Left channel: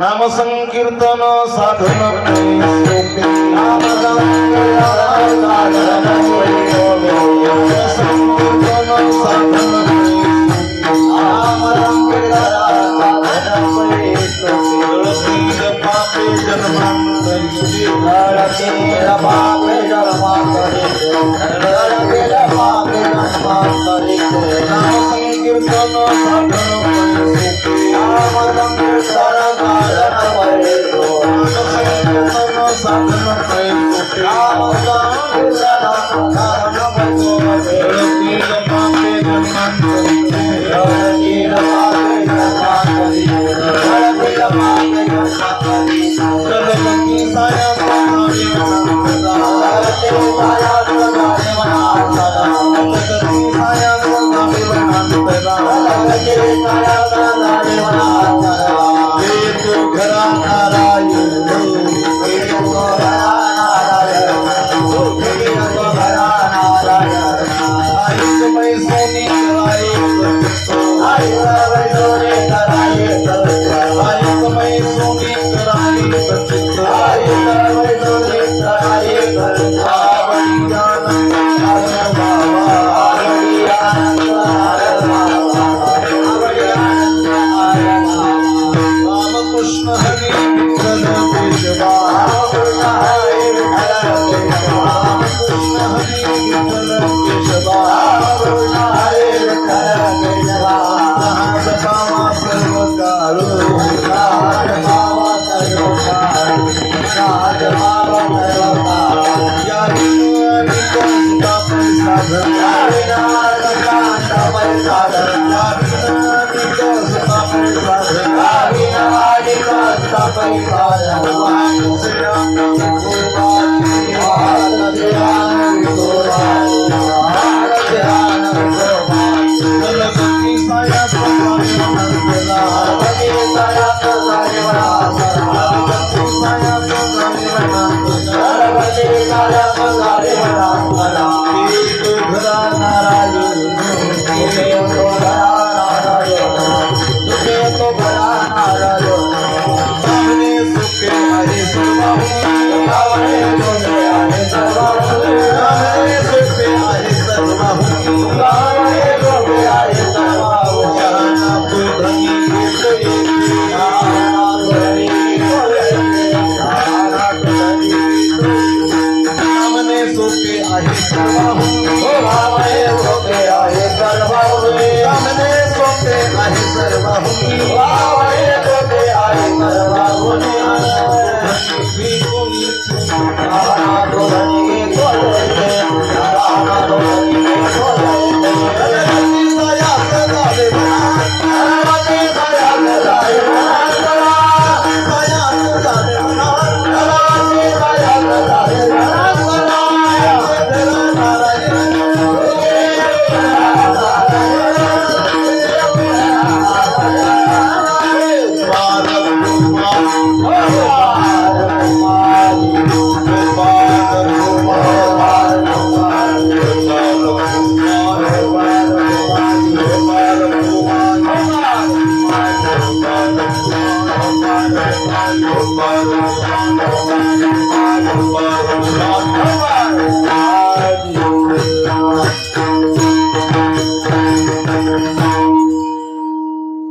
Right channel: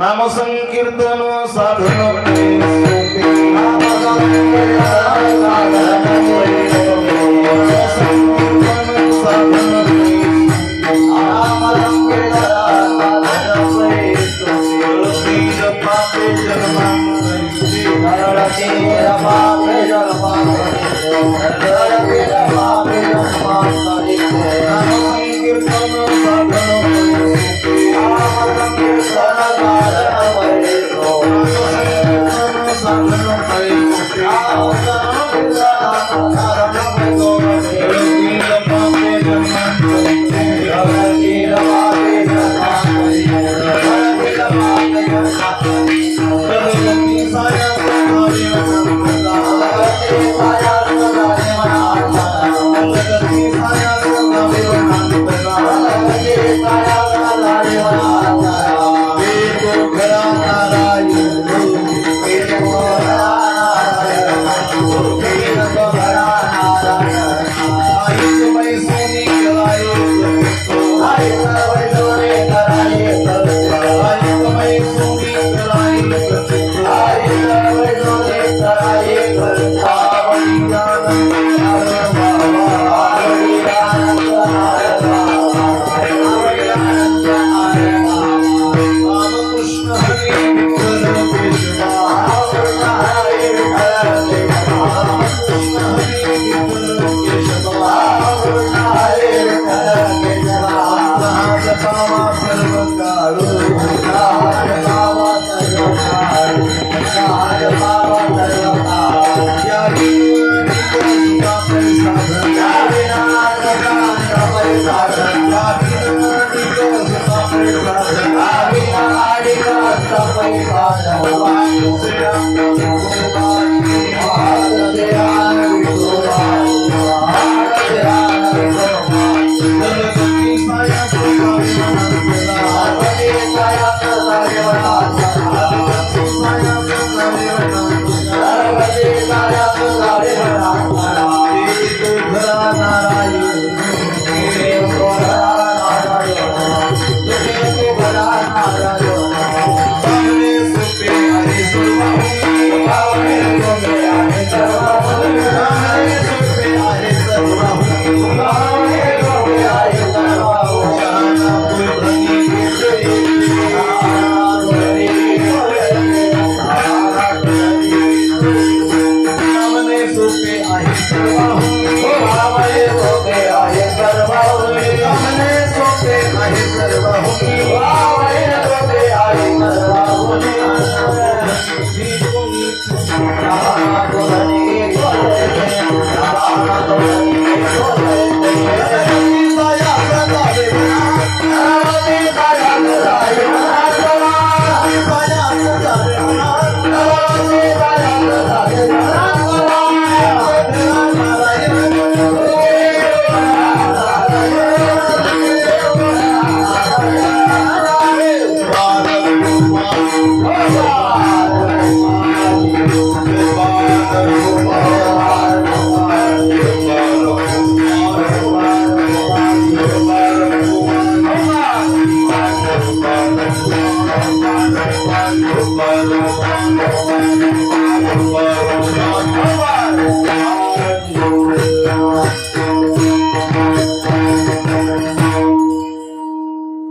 नाम संकीर्तन साधन सोपे नाम संकीर्तन साधन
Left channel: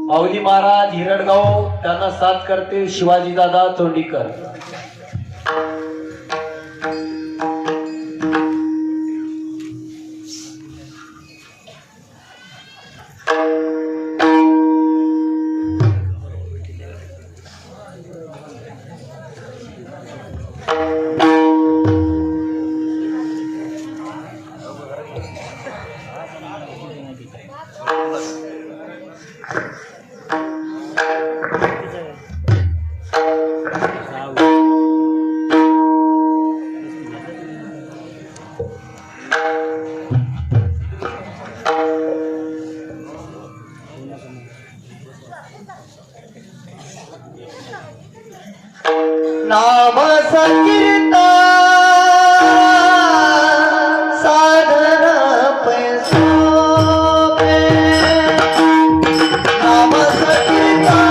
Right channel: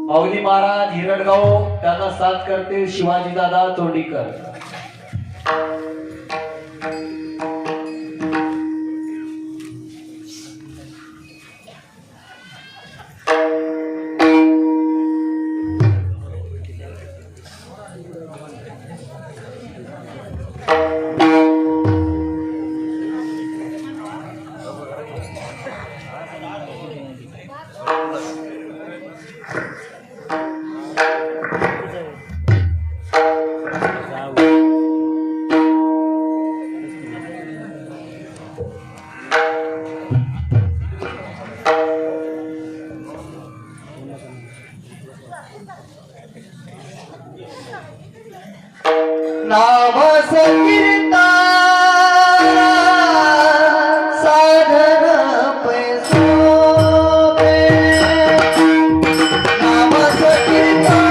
माऊली महाराज हिरडगाव त्यांना साथ करते शिवाजी दादा तोंडीकर. नाम संकीर्तन साधन पैसोपे नाम संकीर्तन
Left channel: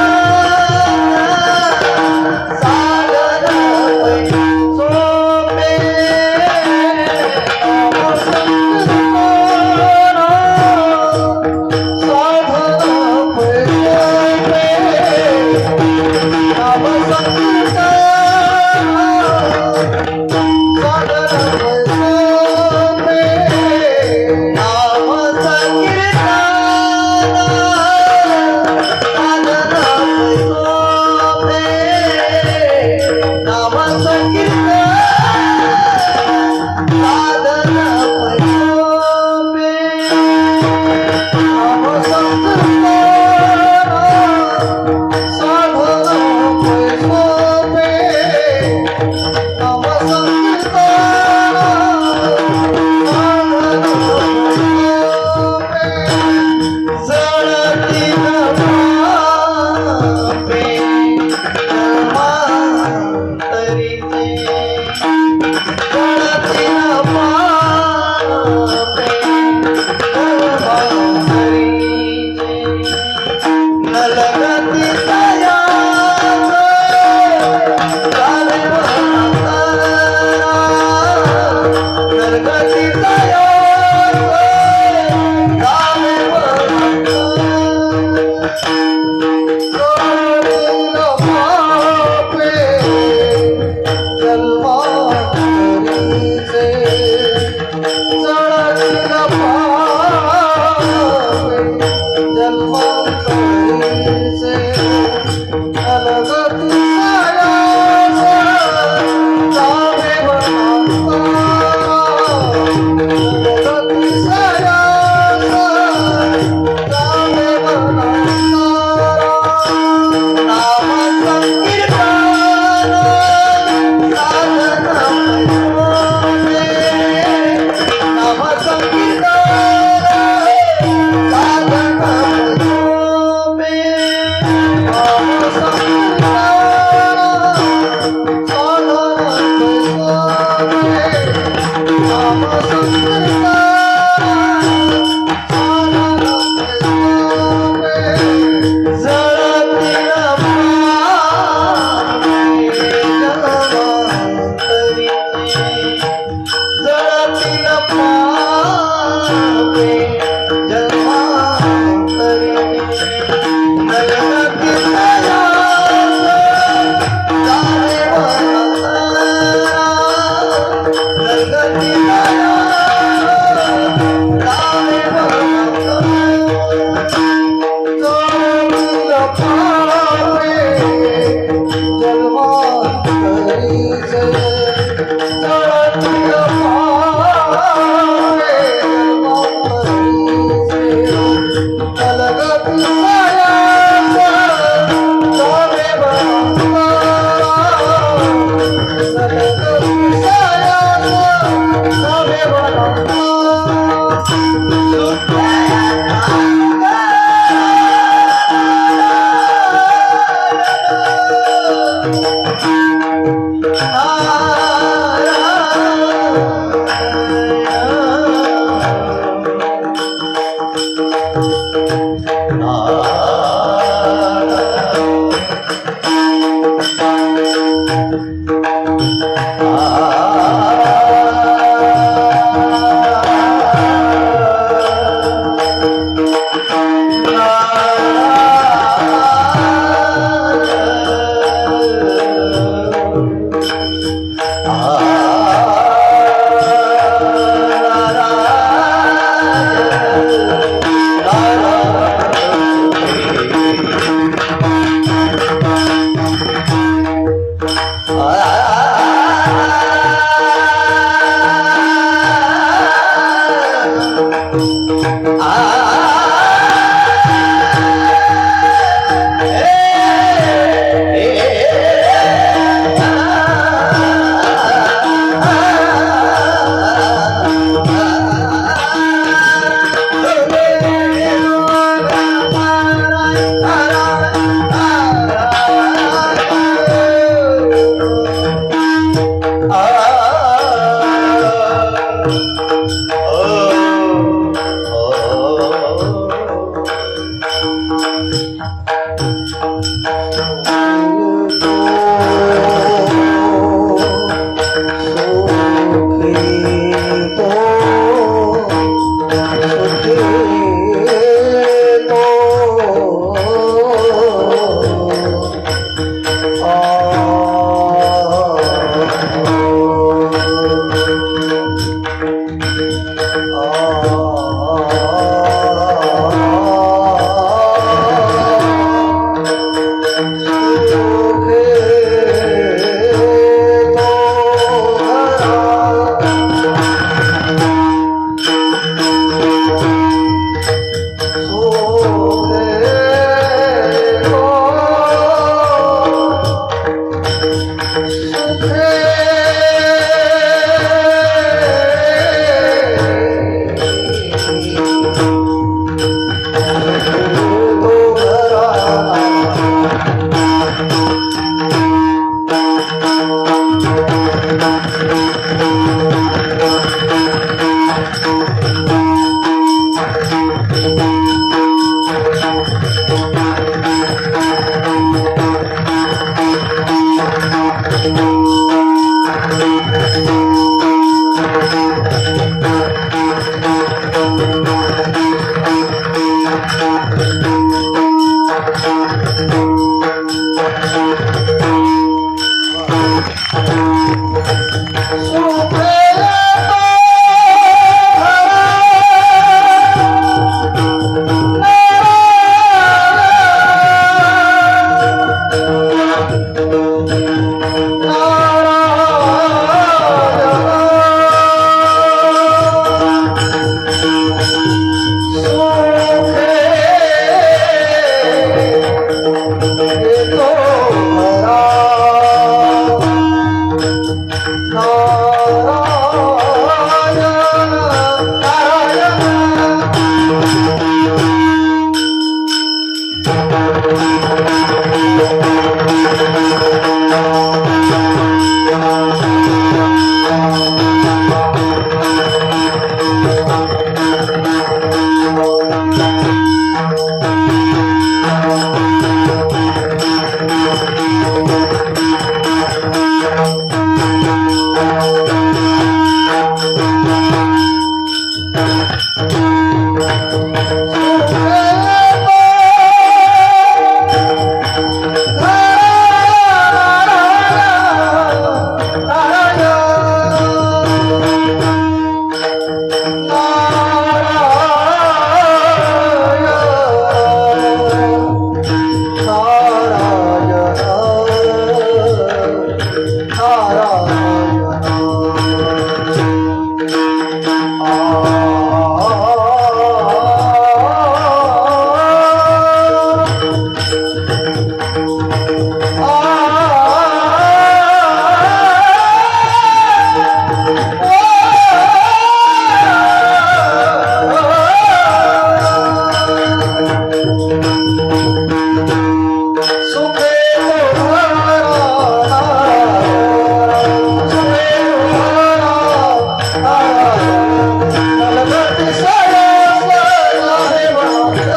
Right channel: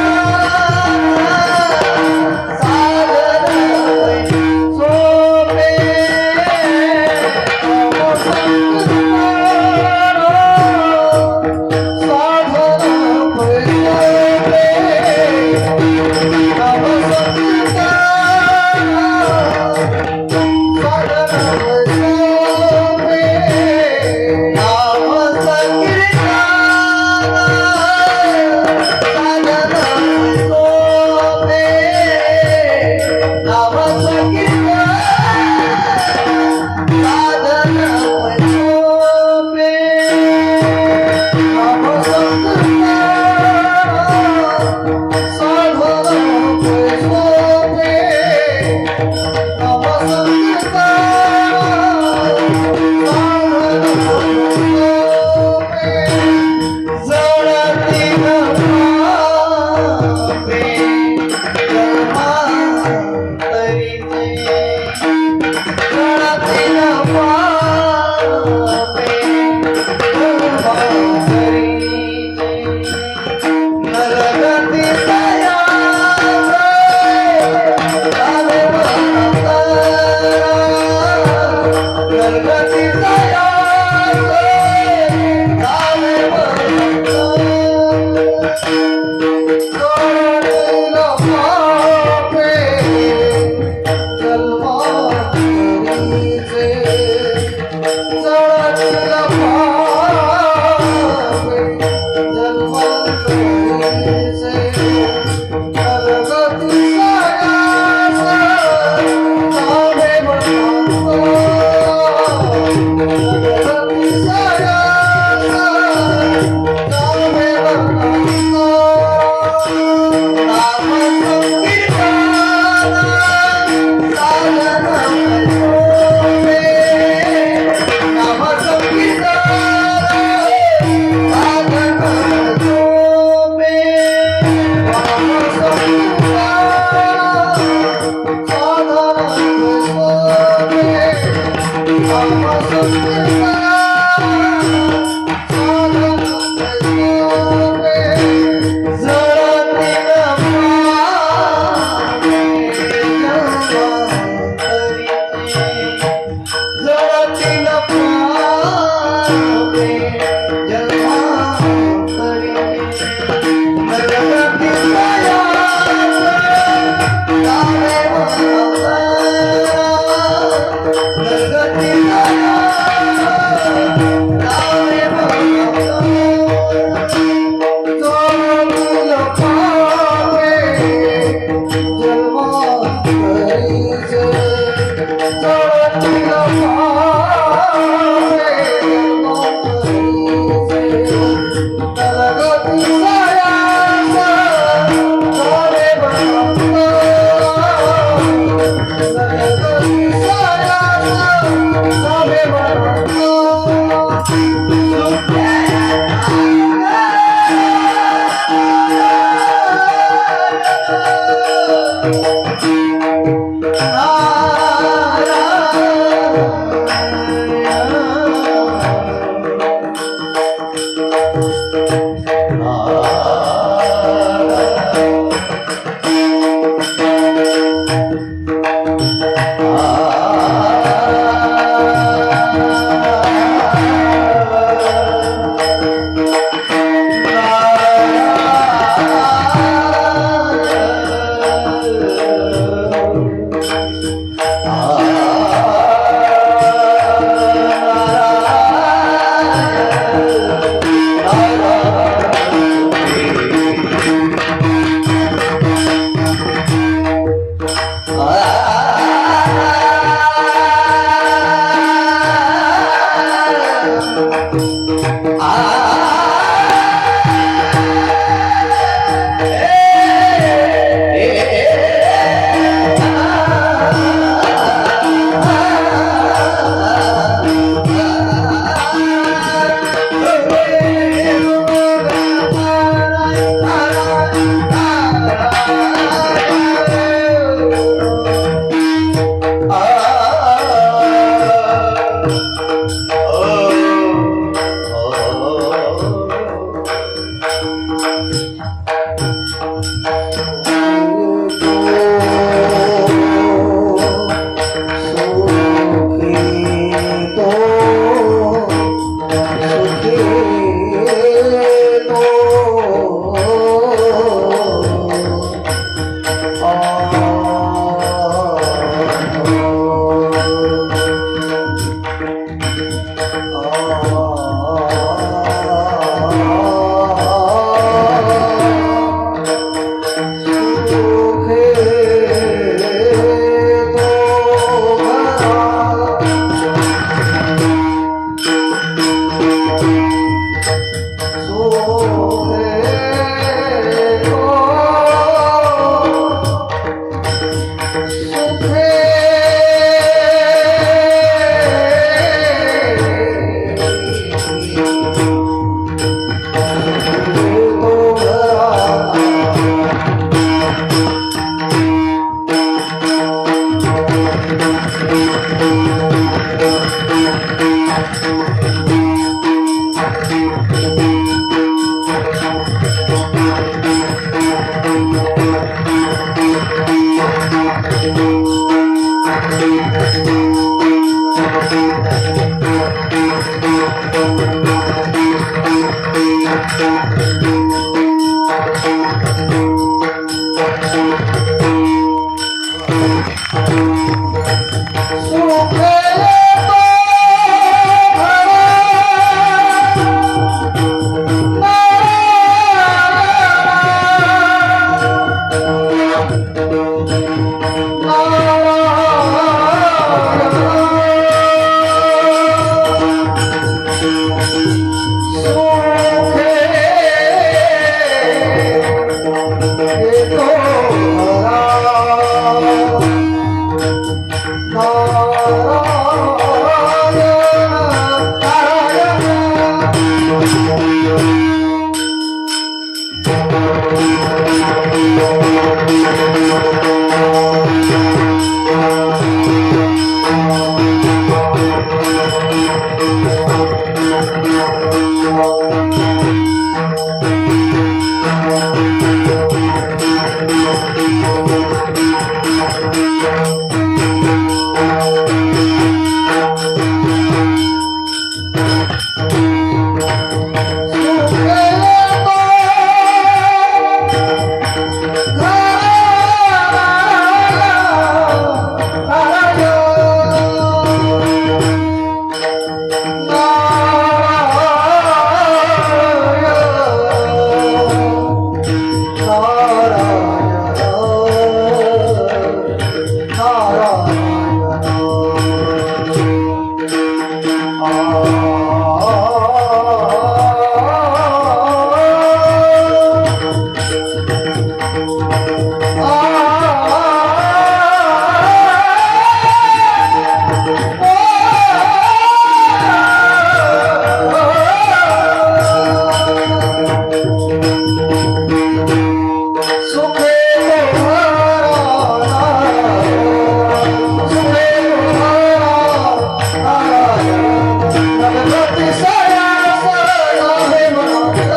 सुखे तुम्हारा सुखे तुम्हारा नलगति साया साया है माता साया है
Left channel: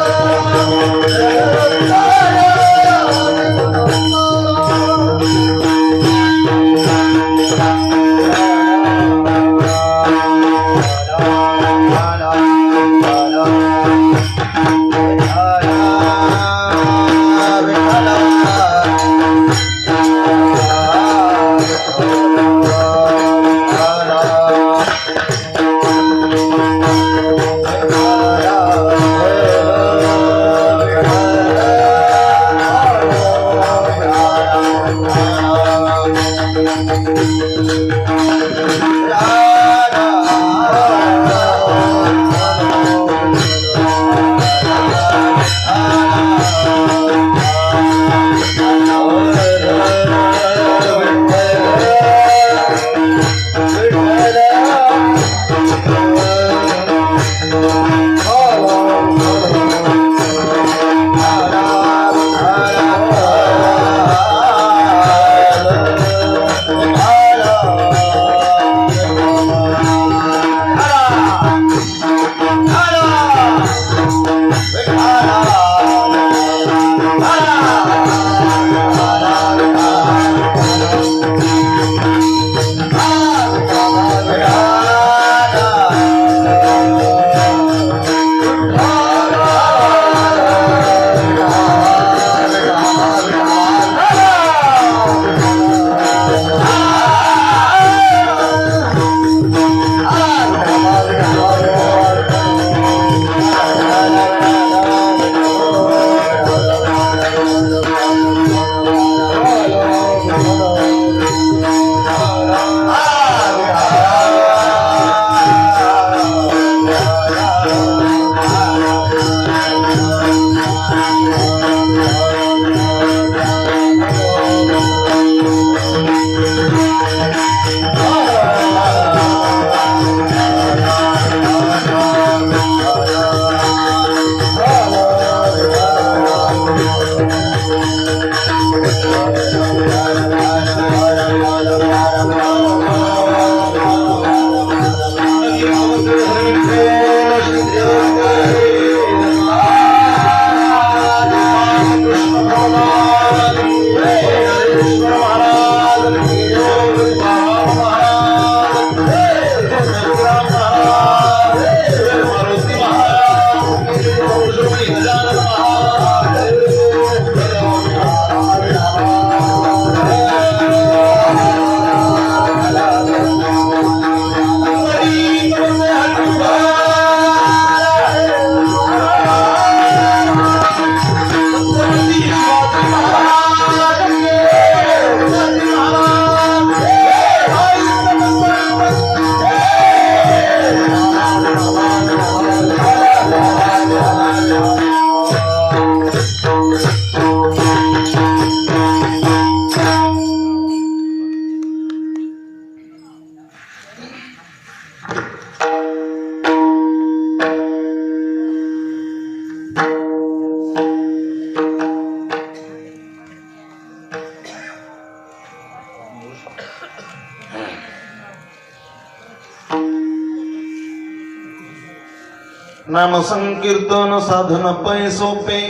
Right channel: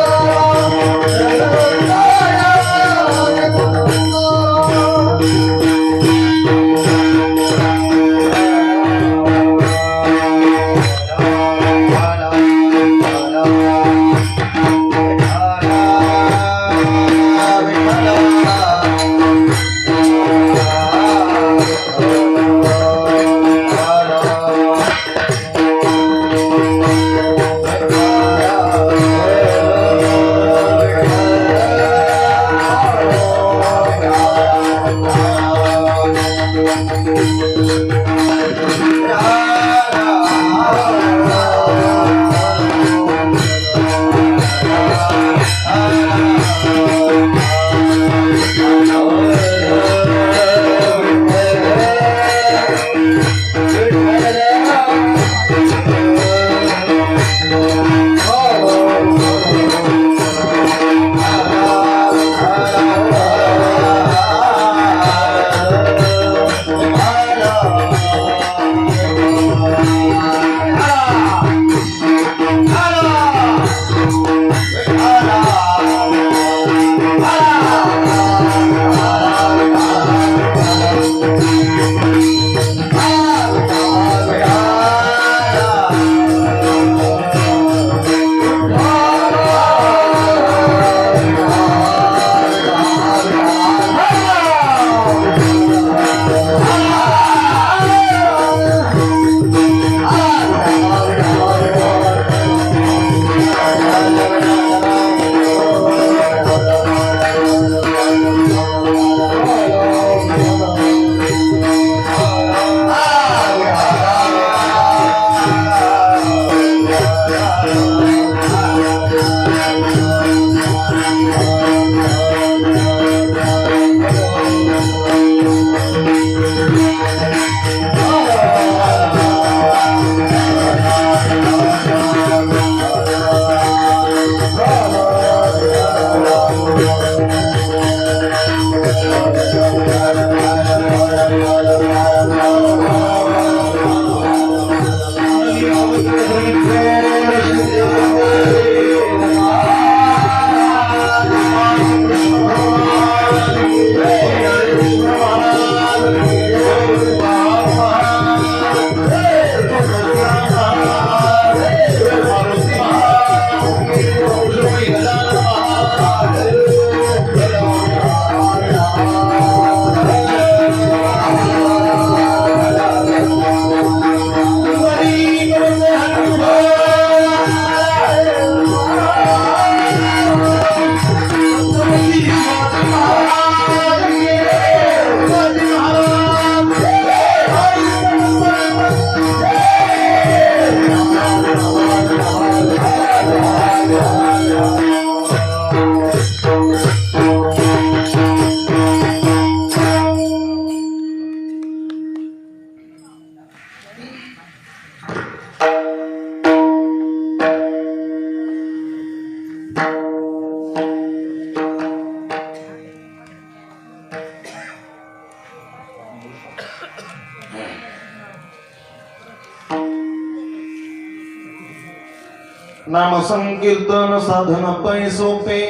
नाम संकीर्तन साधन पै सोपे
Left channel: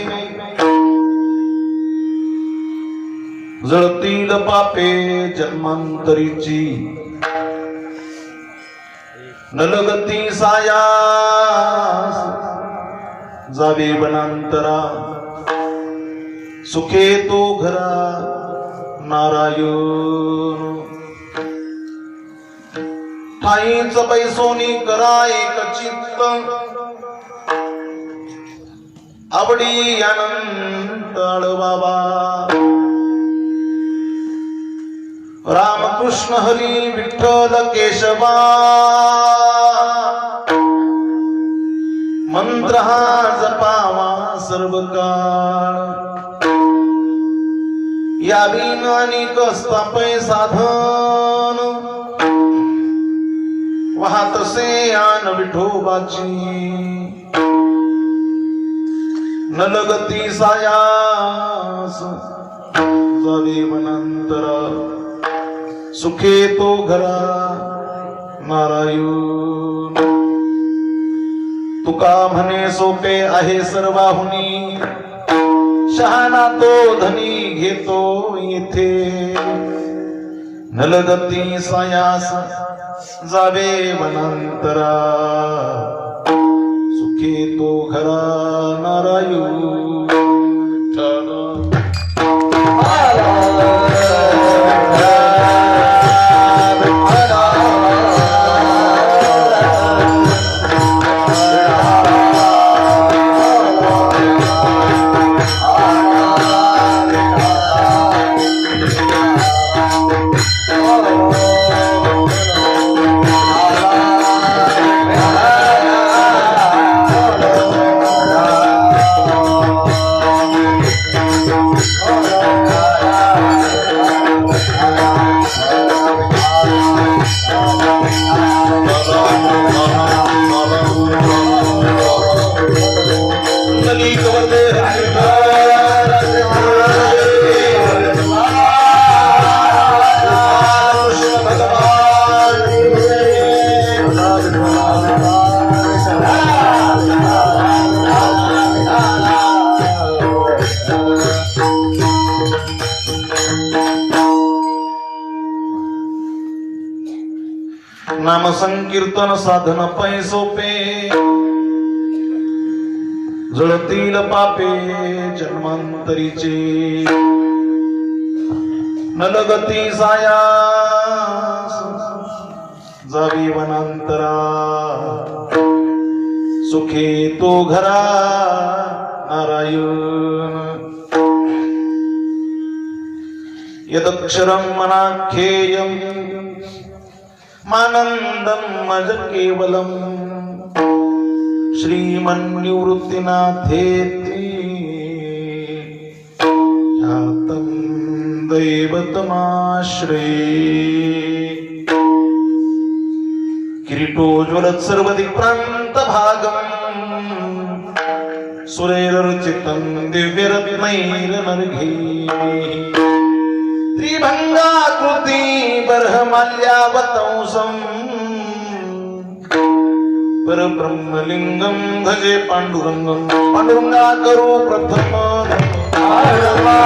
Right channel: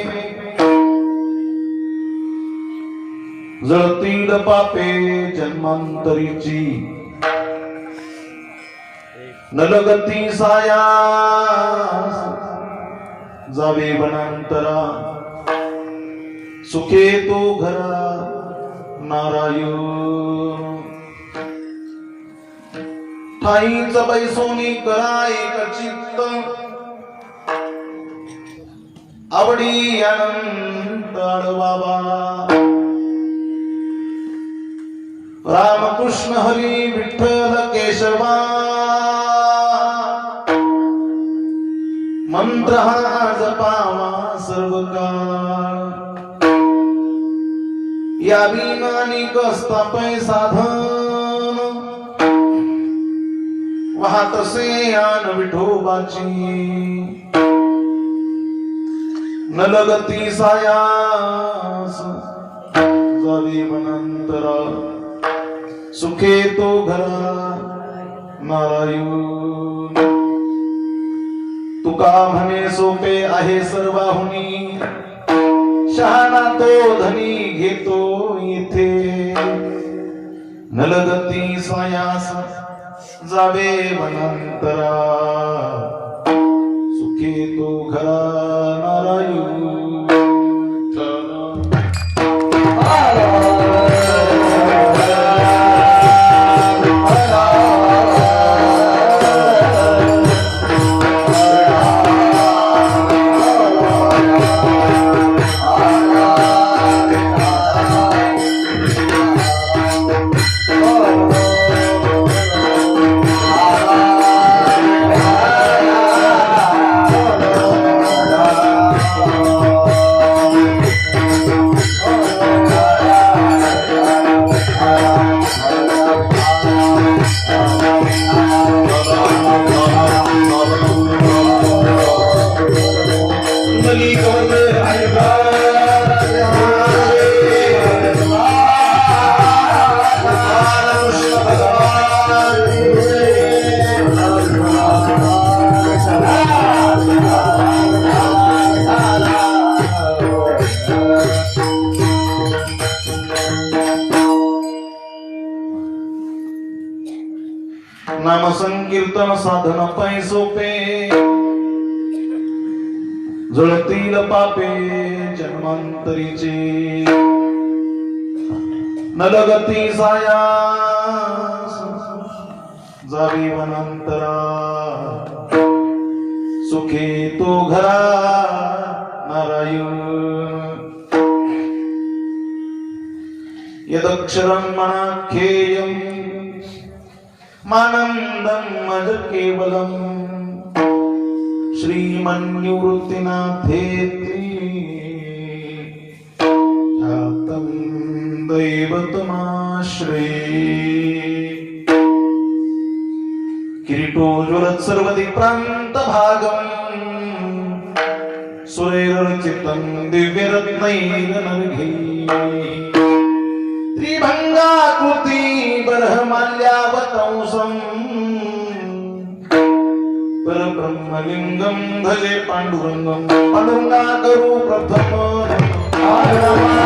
जळतील पापे जन्मांतरीची नलगती सायास जावे वनांतरा सुखे तो घरा नारायण ठाईच पैसोनी करा एक चित्त आवडी अनंत बाबा रामकृष्ण हरी विठ्ठल केशवा मंत्र हा जपावा सर्व काळ या विनानी कसता पै साधन वाहतसे आन विठोबाची नलगती सायास जावे वनांतरा सुखे तो घरा नारायण तुका म्हणे सोपे आहे सर्वाहुनी शहाणा तो धनी घेतो येथे नलगती सायास जावे वनांतरा सुखे तो घरा नारायण नाम संकीर्तन साधन पै सोपे जळतील पापे जन्मांतरीचे नलगती सायास जावी वनांतरा सुखे तो घरा नारायण यदक्षरं मनाख्येयम् मानंदं मज केवलम श्रीमन्निवृत्तिनाथेति ख्यातं दैवतमाश्रे किरीटोज्वलत् सर्वदिक्प्रान्त भागम् सुरैरर्चितं दिव्यरत्नैरनर्घैः त्रिभंगाकृति बर्हमाल्यावतंसं परब्रह्मलिंगं भजे पांडुरंगं पांडुरंगा करू प्रथम पांडुरंगा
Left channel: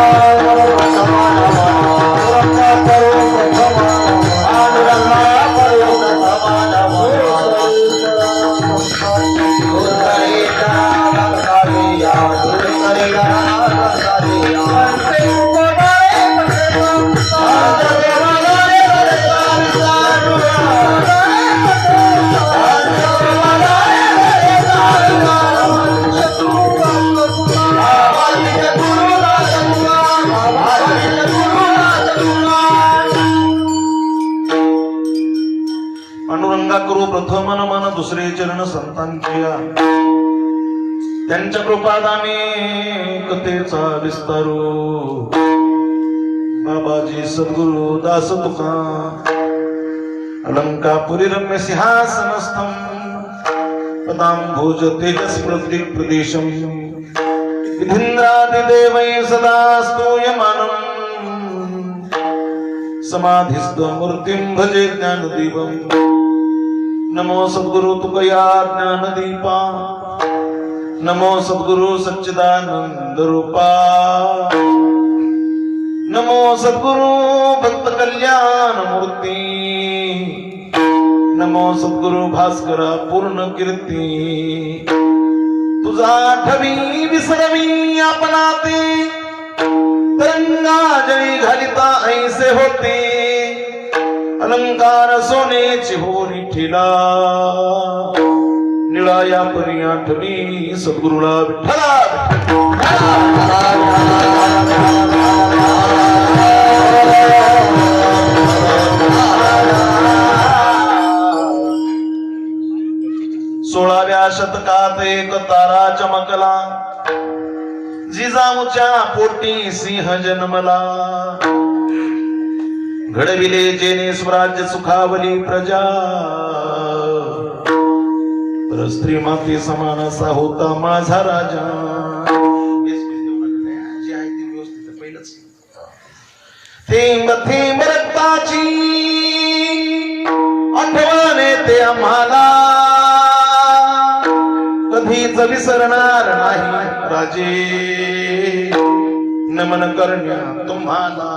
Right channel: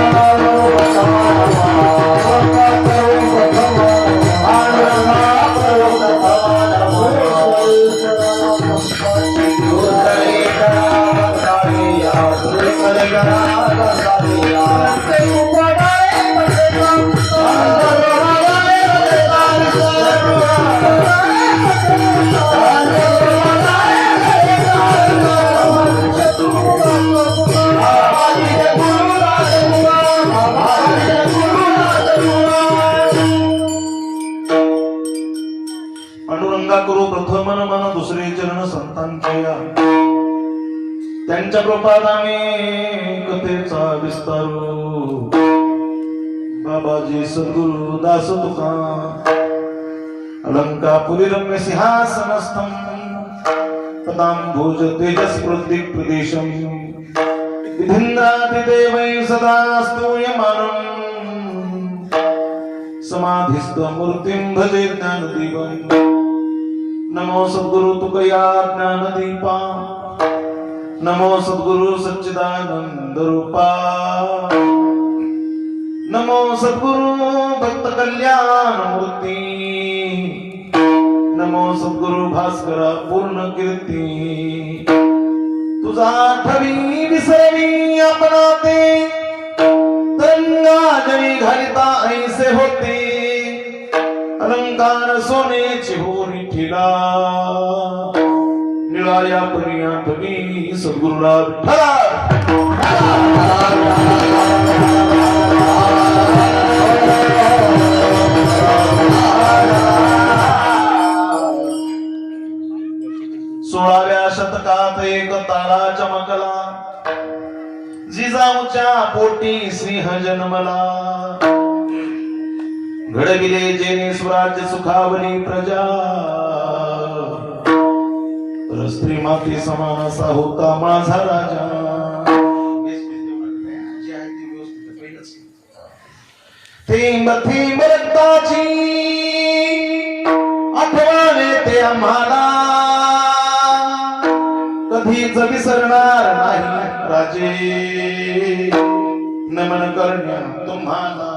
करू प्रथम मन दुसरे चरण संतांचे त्यांच्या प्रपादाने कथेचा विस्तारू बाबाजी सद्गुरु दास तुका अलंकापुरी रम्य सिंहासनस्थं पदांभोज तेजस प्रदेशं विधिन्द्रादिदेवै सदा स्तूयमानं समाधिस्थ मूर्तिं भजे ज्ञानदीपम् नमो सद्गुरु तुकया ज्ञानदीपा नमो सद्गुरु सच्चिदानंद रूपा नमो सद्गुरु भक्त कल्याण मूर्ती नमो सद्गुरु भास्कर पूर्ण कीर्ती तुझा ठवी विसरवी आपणा ते तरंगा जळी घालिता ऐसे होते अलंकार सोनेची होरी ठेला निळाया परी आठवणी सद्गुरुला विठ्ठला सोळाव्या शतकात एक तारा चमकला जिजाऊच्या पोटी सिंह जन्मला घडविले जेने स्वराज्य सुखावली प्रजा तर स्त्री माते समान असा होता माझा राजा थेंब थेंब रक्ताची आठवण येते आम्हाला, कधीच विसरणार नाही राजे, नमन करण्या तुम्हाला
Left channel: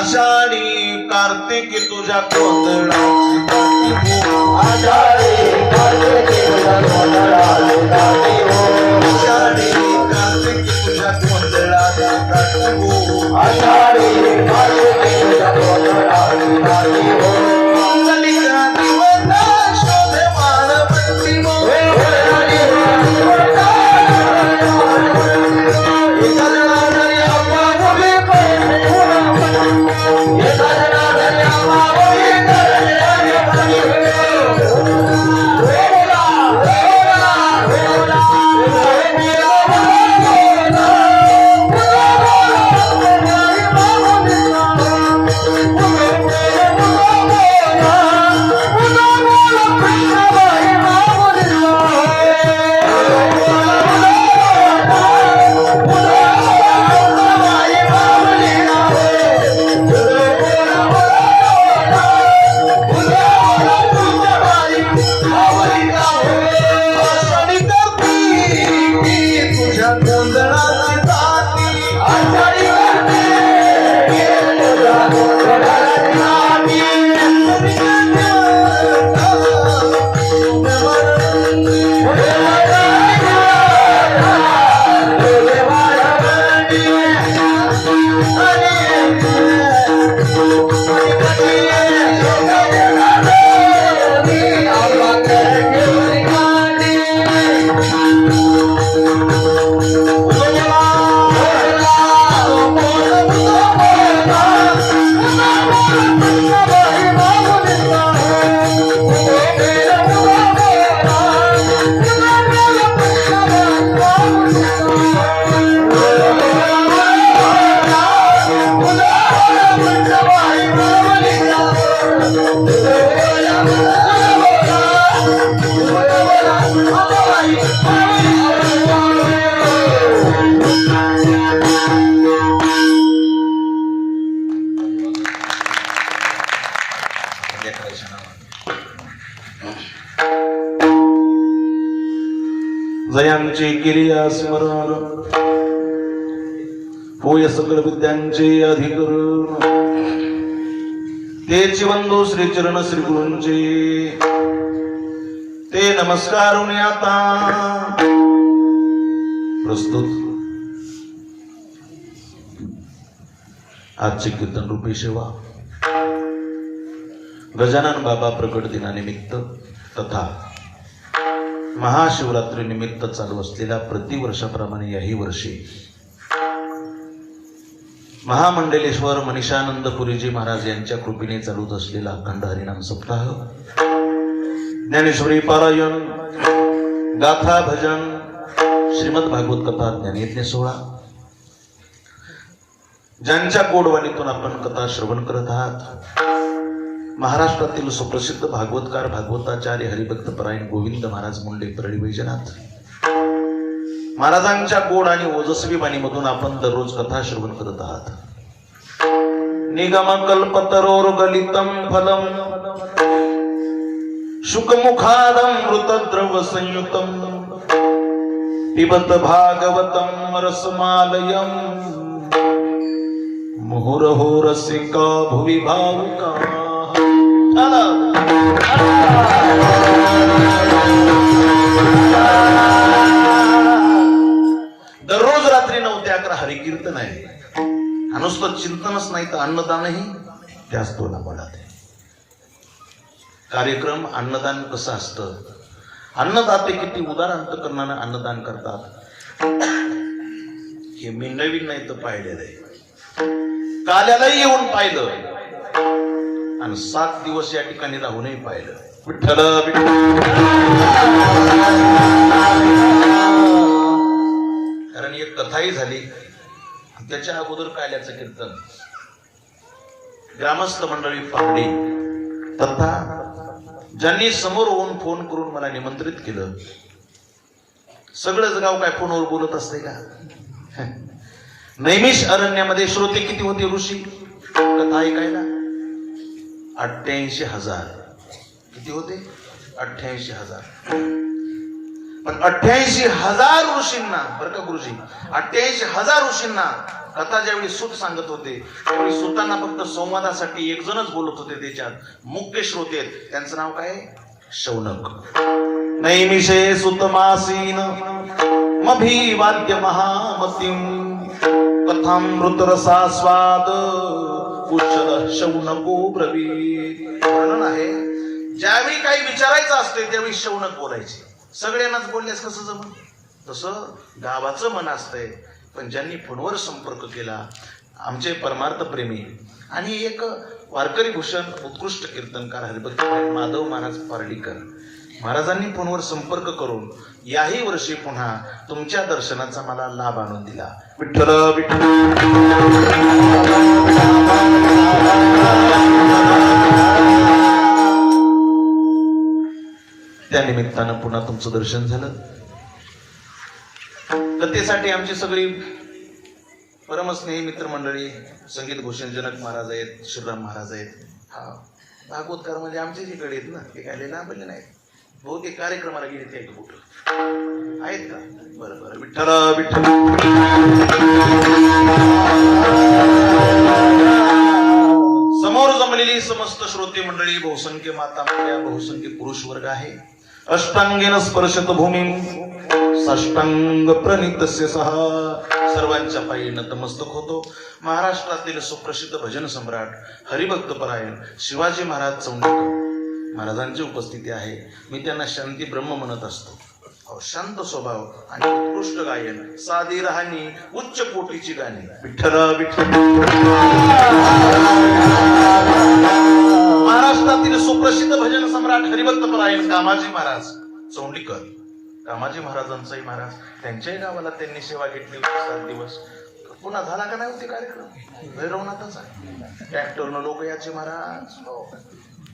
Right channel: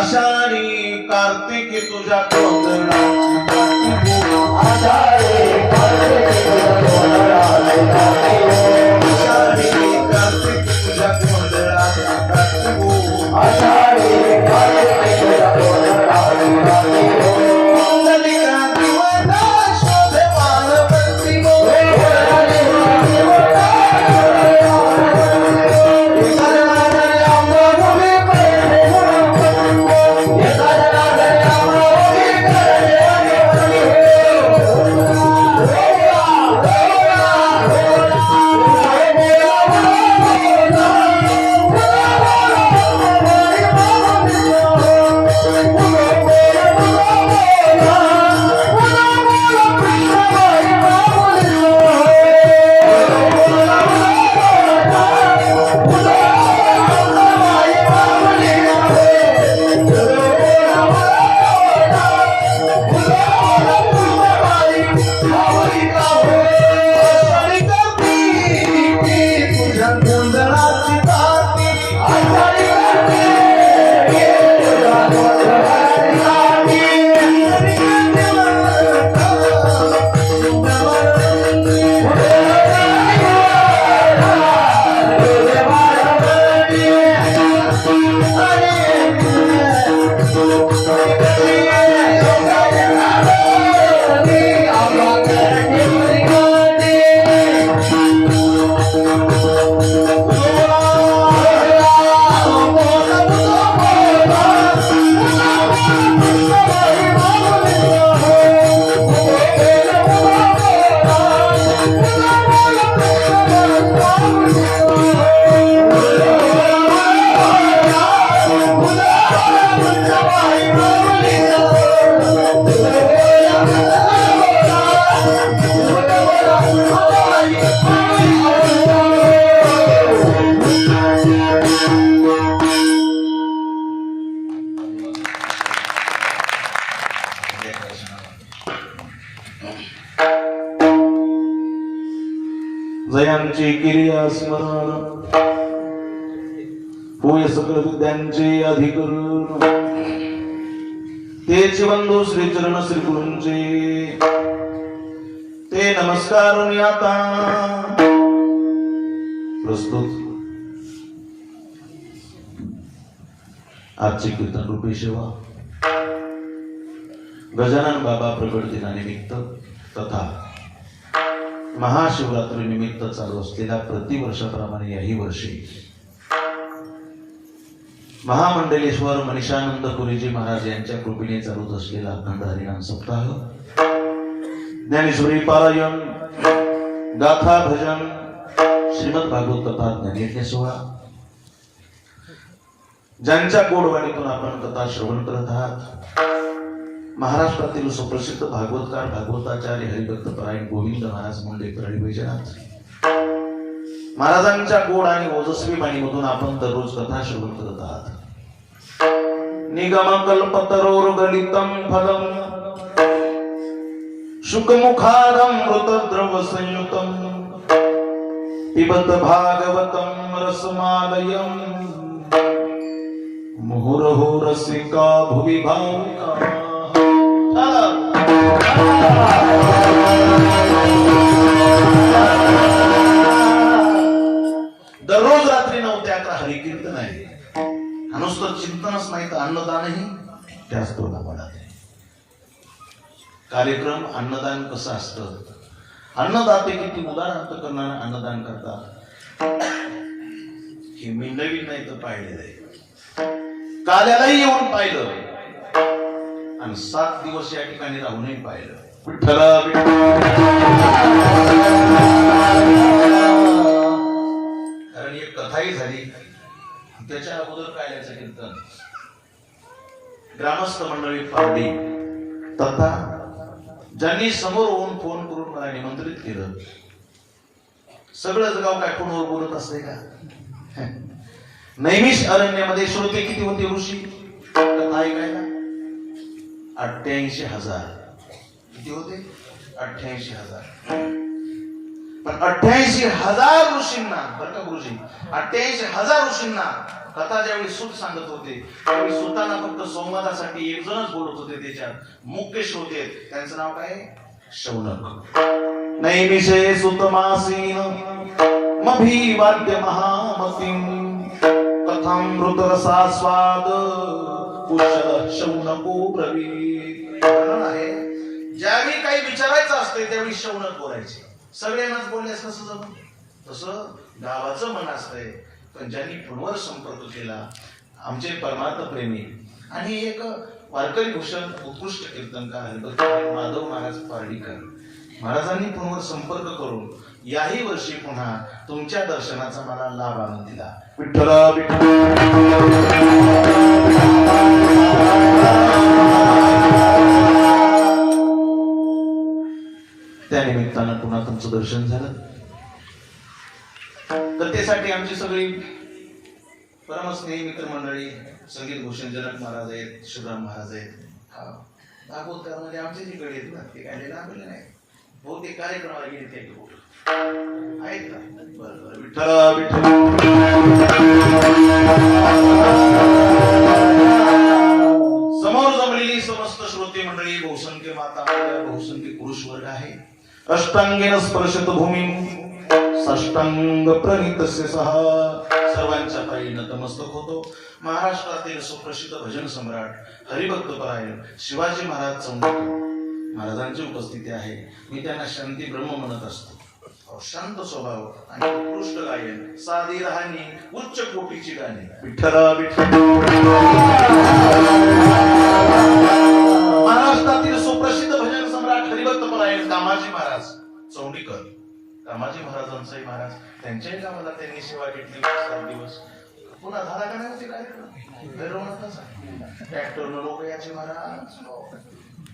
आषाढी कार्तिकी तुझ्या कोंदणाची पाठी हो, आषाढी कार्तिकी तुझ्या कोंदणाची पाठी हो, आषाढी कार्तिकी तुझ्या कोंदणाची पाठी हो, आषाढी कार्तिकी तुझ्या कोंदणाची पाठी हो, ललिता दिवसा शोभे वाणवंती हो, जयांचे केलिया स्मरण होय सकल विद्यांचे अधिकरण, तेच बंधू श्री चरण श्री गुरूंचे ते नमस्कारून आता प्रस्तुत आजचे कीर्तन रूपी सेवा गजानन बाबा प्रकट दिनानिमित्त तथा महाशिवरात्री निमित्त चालू असलेल्या प्रतिवर्षाप्रमाणे याही वर्षी महामंडलेश्वर मनीषानंदपुरीजी महाराज यांच्या कृपेने चालूच असलेला अखंड हरिनाम सप्ताह, ज्ञानेश्वरी पारायण, गाथा भजन, श्रीमद भागवत कथा, ज्ञानयज्ञ सोहळा, ज्यांच्या गोडवाणीतून आपण कथा श्रवण करत आहात, महाराष्ट्रातील सुप्रसिद्ध भागवतकार भागवताचार्य हरिभक्त परायण गोविंद महाराज मुंडे परळी वैजनाथ महाराजांच्या गोड आणि ओजस्वी बाणीमधून आपण दररोज कथा श्रवण करत आहात. निगम कल्पतरोर्गलितं फलम शुकमुखादमृतद्रव संयुतं पिबत भागवतं रसमालयं मुहुरहो रसिका भुवि भावुका. दररोज रात्री 9 ते 11 हरिकीर्तन आहे. नुसतं चिंतनच नाही तर अन्नदानही त्याच तोंडात आहे. कार्यक्रम अन्नदान कसं असतं, अन्नदाते किती उदार अंतकरणाने अन्नदान करतात हे मी नवीन नाही तर पाहिलेलं आहे. काल्यालाही येऊन पाहिलं आणि 7 दिवस या ठिकाणी राहूनही पाहिलं. विठ्ठल कारण एक कथाही झाली. त्याच्या अगोदर काल्याचं कीर्तन ग्रामस्थ मंडळी पारडी तथा ज्यांनी समोर होऊन फोन करून मला निमंत्रित केलं. सगळंच गाव काय फोनवर बोलत असते का? नैमिष अरण्यामध्ये श्रोते किती होते ऋषी कथा ऐकायला? 88,000. किती होते? 88,000. पण 88,000 ऋषींना, बरं का गुरुजी, 88,000 ऋषींना कथा ज्यावेळी सूत सांगत होते त्यावेळी सुतांना फक्त संवादासाठी एक जणच बोलत होते. त्याच्यात मुख्य श्रोते आहेत. त्यांचं नाव काय? शौनक. नैमिषे सुतमासीन मभिवाद्य महामतिम कथामृत रसास्वाद कुशल शौनको ब्रवीत. वर्णन आहे, ज्यावेळी काही विचारायचं असतंय त्यावेळी शौनक बोलायचे. सगळ्यांनाच बोलण्यास कसं जमून? तसं गावाचं मन असतंय. पण ज्यांनी फोनवर संपर्क केला, आमचे परमार्थ प्रेमी आणि एक वारकरी भूषण उत्कृष्ट कीर्तनकार हरिभक्त माधव महाराज पारडीकर महाराजांनी फोनवर संपर्क करून याही वर्षी पुन्हा तुमच्या दर्शनाचा मला लाभ आणून दिला. विठ्ठल विठ्ठल. त्या निमित्तानं पुन्हा तुमचं दर्शन झालं. कथेसाठी आमची सगळी परमस्नेही मित्रमंडळी, संगीत भूषण जनक महाराज आहेत, श्रीराम महाराज आहेत. हा भागवतकार म्हणजे आमचे जिकडे आहेत ना, ते काय लांबले नाही. बहुतेक कार्यक्रमाला गेले ते कुठं आहेत का? बरं बरं. विठ्ठल विठ्ठल. समोर जमलेली समस्त श्रोते मंडळी, बहुसंख्य माता मुल्या, बहुसंख्य पुरुष वर्ग आहे. अष्टांगेन स्पर्शत भूमी साष्टांग प्रणितस्य सह. सर्वांच्या पायी नतमस्तक होतो. महाराष्ट्रातील सुप्रसिद्ध भजन सम्राट हरिभक्तपरायण शिवाजी महाराज चौंडीकर महाराजांची उपस्थिती आहे. मी त्यांना शांती ब्रह्म म्हणत असतो. शांत स्वभाव आणि उत्कृष्ट गायन, साधी राहणी, उच्च कोटीची गाणी. विठ्ठल विठ्ठल. महाराष्ट्रातील सुप्रसिद्ध भजन सम्राट हरिभक्तपरायण कामाजी महाराज चौंडीकर, कामाजी महाराजांचाही महाराज, त्यांच्याही गावाला त्यांनी सेवा घेतली 7 दिवस. पुन्हा झाला का नाही होते कार्यक्रम? भैरवनाथाचा ट्रॅक्टरनं लोक याचे महाराज.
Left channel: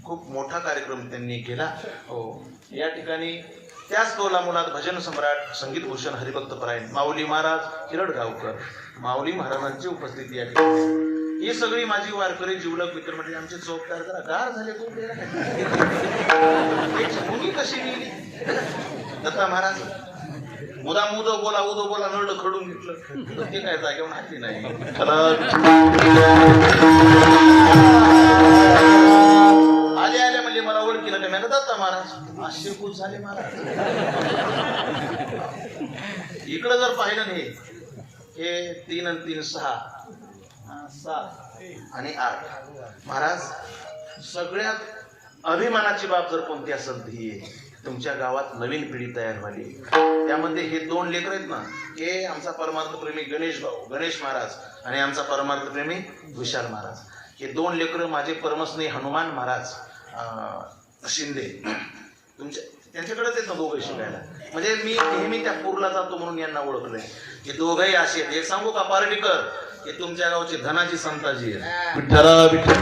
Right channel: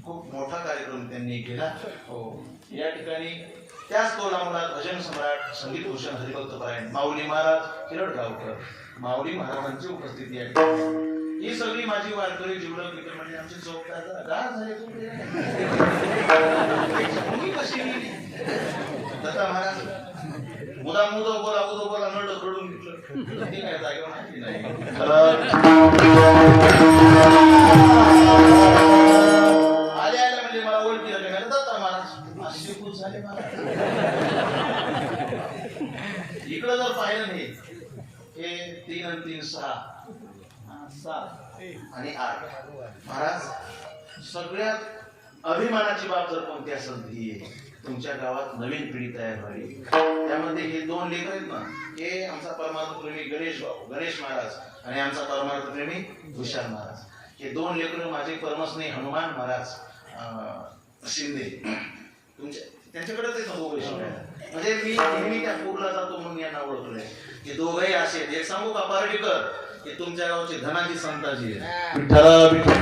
खूप मोठा कार्यक्रम त्यांनी केला. हो, या ठिकाणी त्याच कौला मुलात भजन सम्राट संगीत भूषण हरिभक्तपरायण माऊली महाराज हिरडगावकर, माऊली महाराजांची उपस्थिती आहे. ही सगळी माझी वारकरी जीवलग मित्र म्हणजे आमचे चौकदार जरा गार झाले. तुम्ही कशी गेली? दत्ता महाराज मुदा मुद बोला उदो बोला नळ खडून घेतलं. ते काय जागेवर माहिती नाही. आले आले म्हणजे मला ओळखीला काय म्हणत दत्ता महाराज आश्चर्यभूत झाले महाराज. इकडं जर पाहिलं नाही, हे 3 आणि 3 6 7 आणि 8 महाराज. सगळ्यात अभिमानाची बाब जर कोणती असेल तर ही आहे. तुमच्या गावात नवीन पिढी तयार झाली. त्यामध्ये हे 2 लेकर आहेत ना, हे आमचा परमार्थ प्रेमी गणेश महाराज आणि आमचा परमार्थ प्रेमी विशाल महाराज. हे 2 लेकर माझे परमस्नेही हनुमान महाराज शिंदे, तुमच्या त्यांच्याकडेच आहेत ना दोघे शिकायला. म्हणजे मी नेहमी त्या पूरला जातो म्हणून यांना ओळखलंय. हे दोघंही असे आहेत. एक सांगू का पारडीकर, हे तुमच्या गावचे धनाजी संताजी आहेत. विठ्ठल विठ्ठल.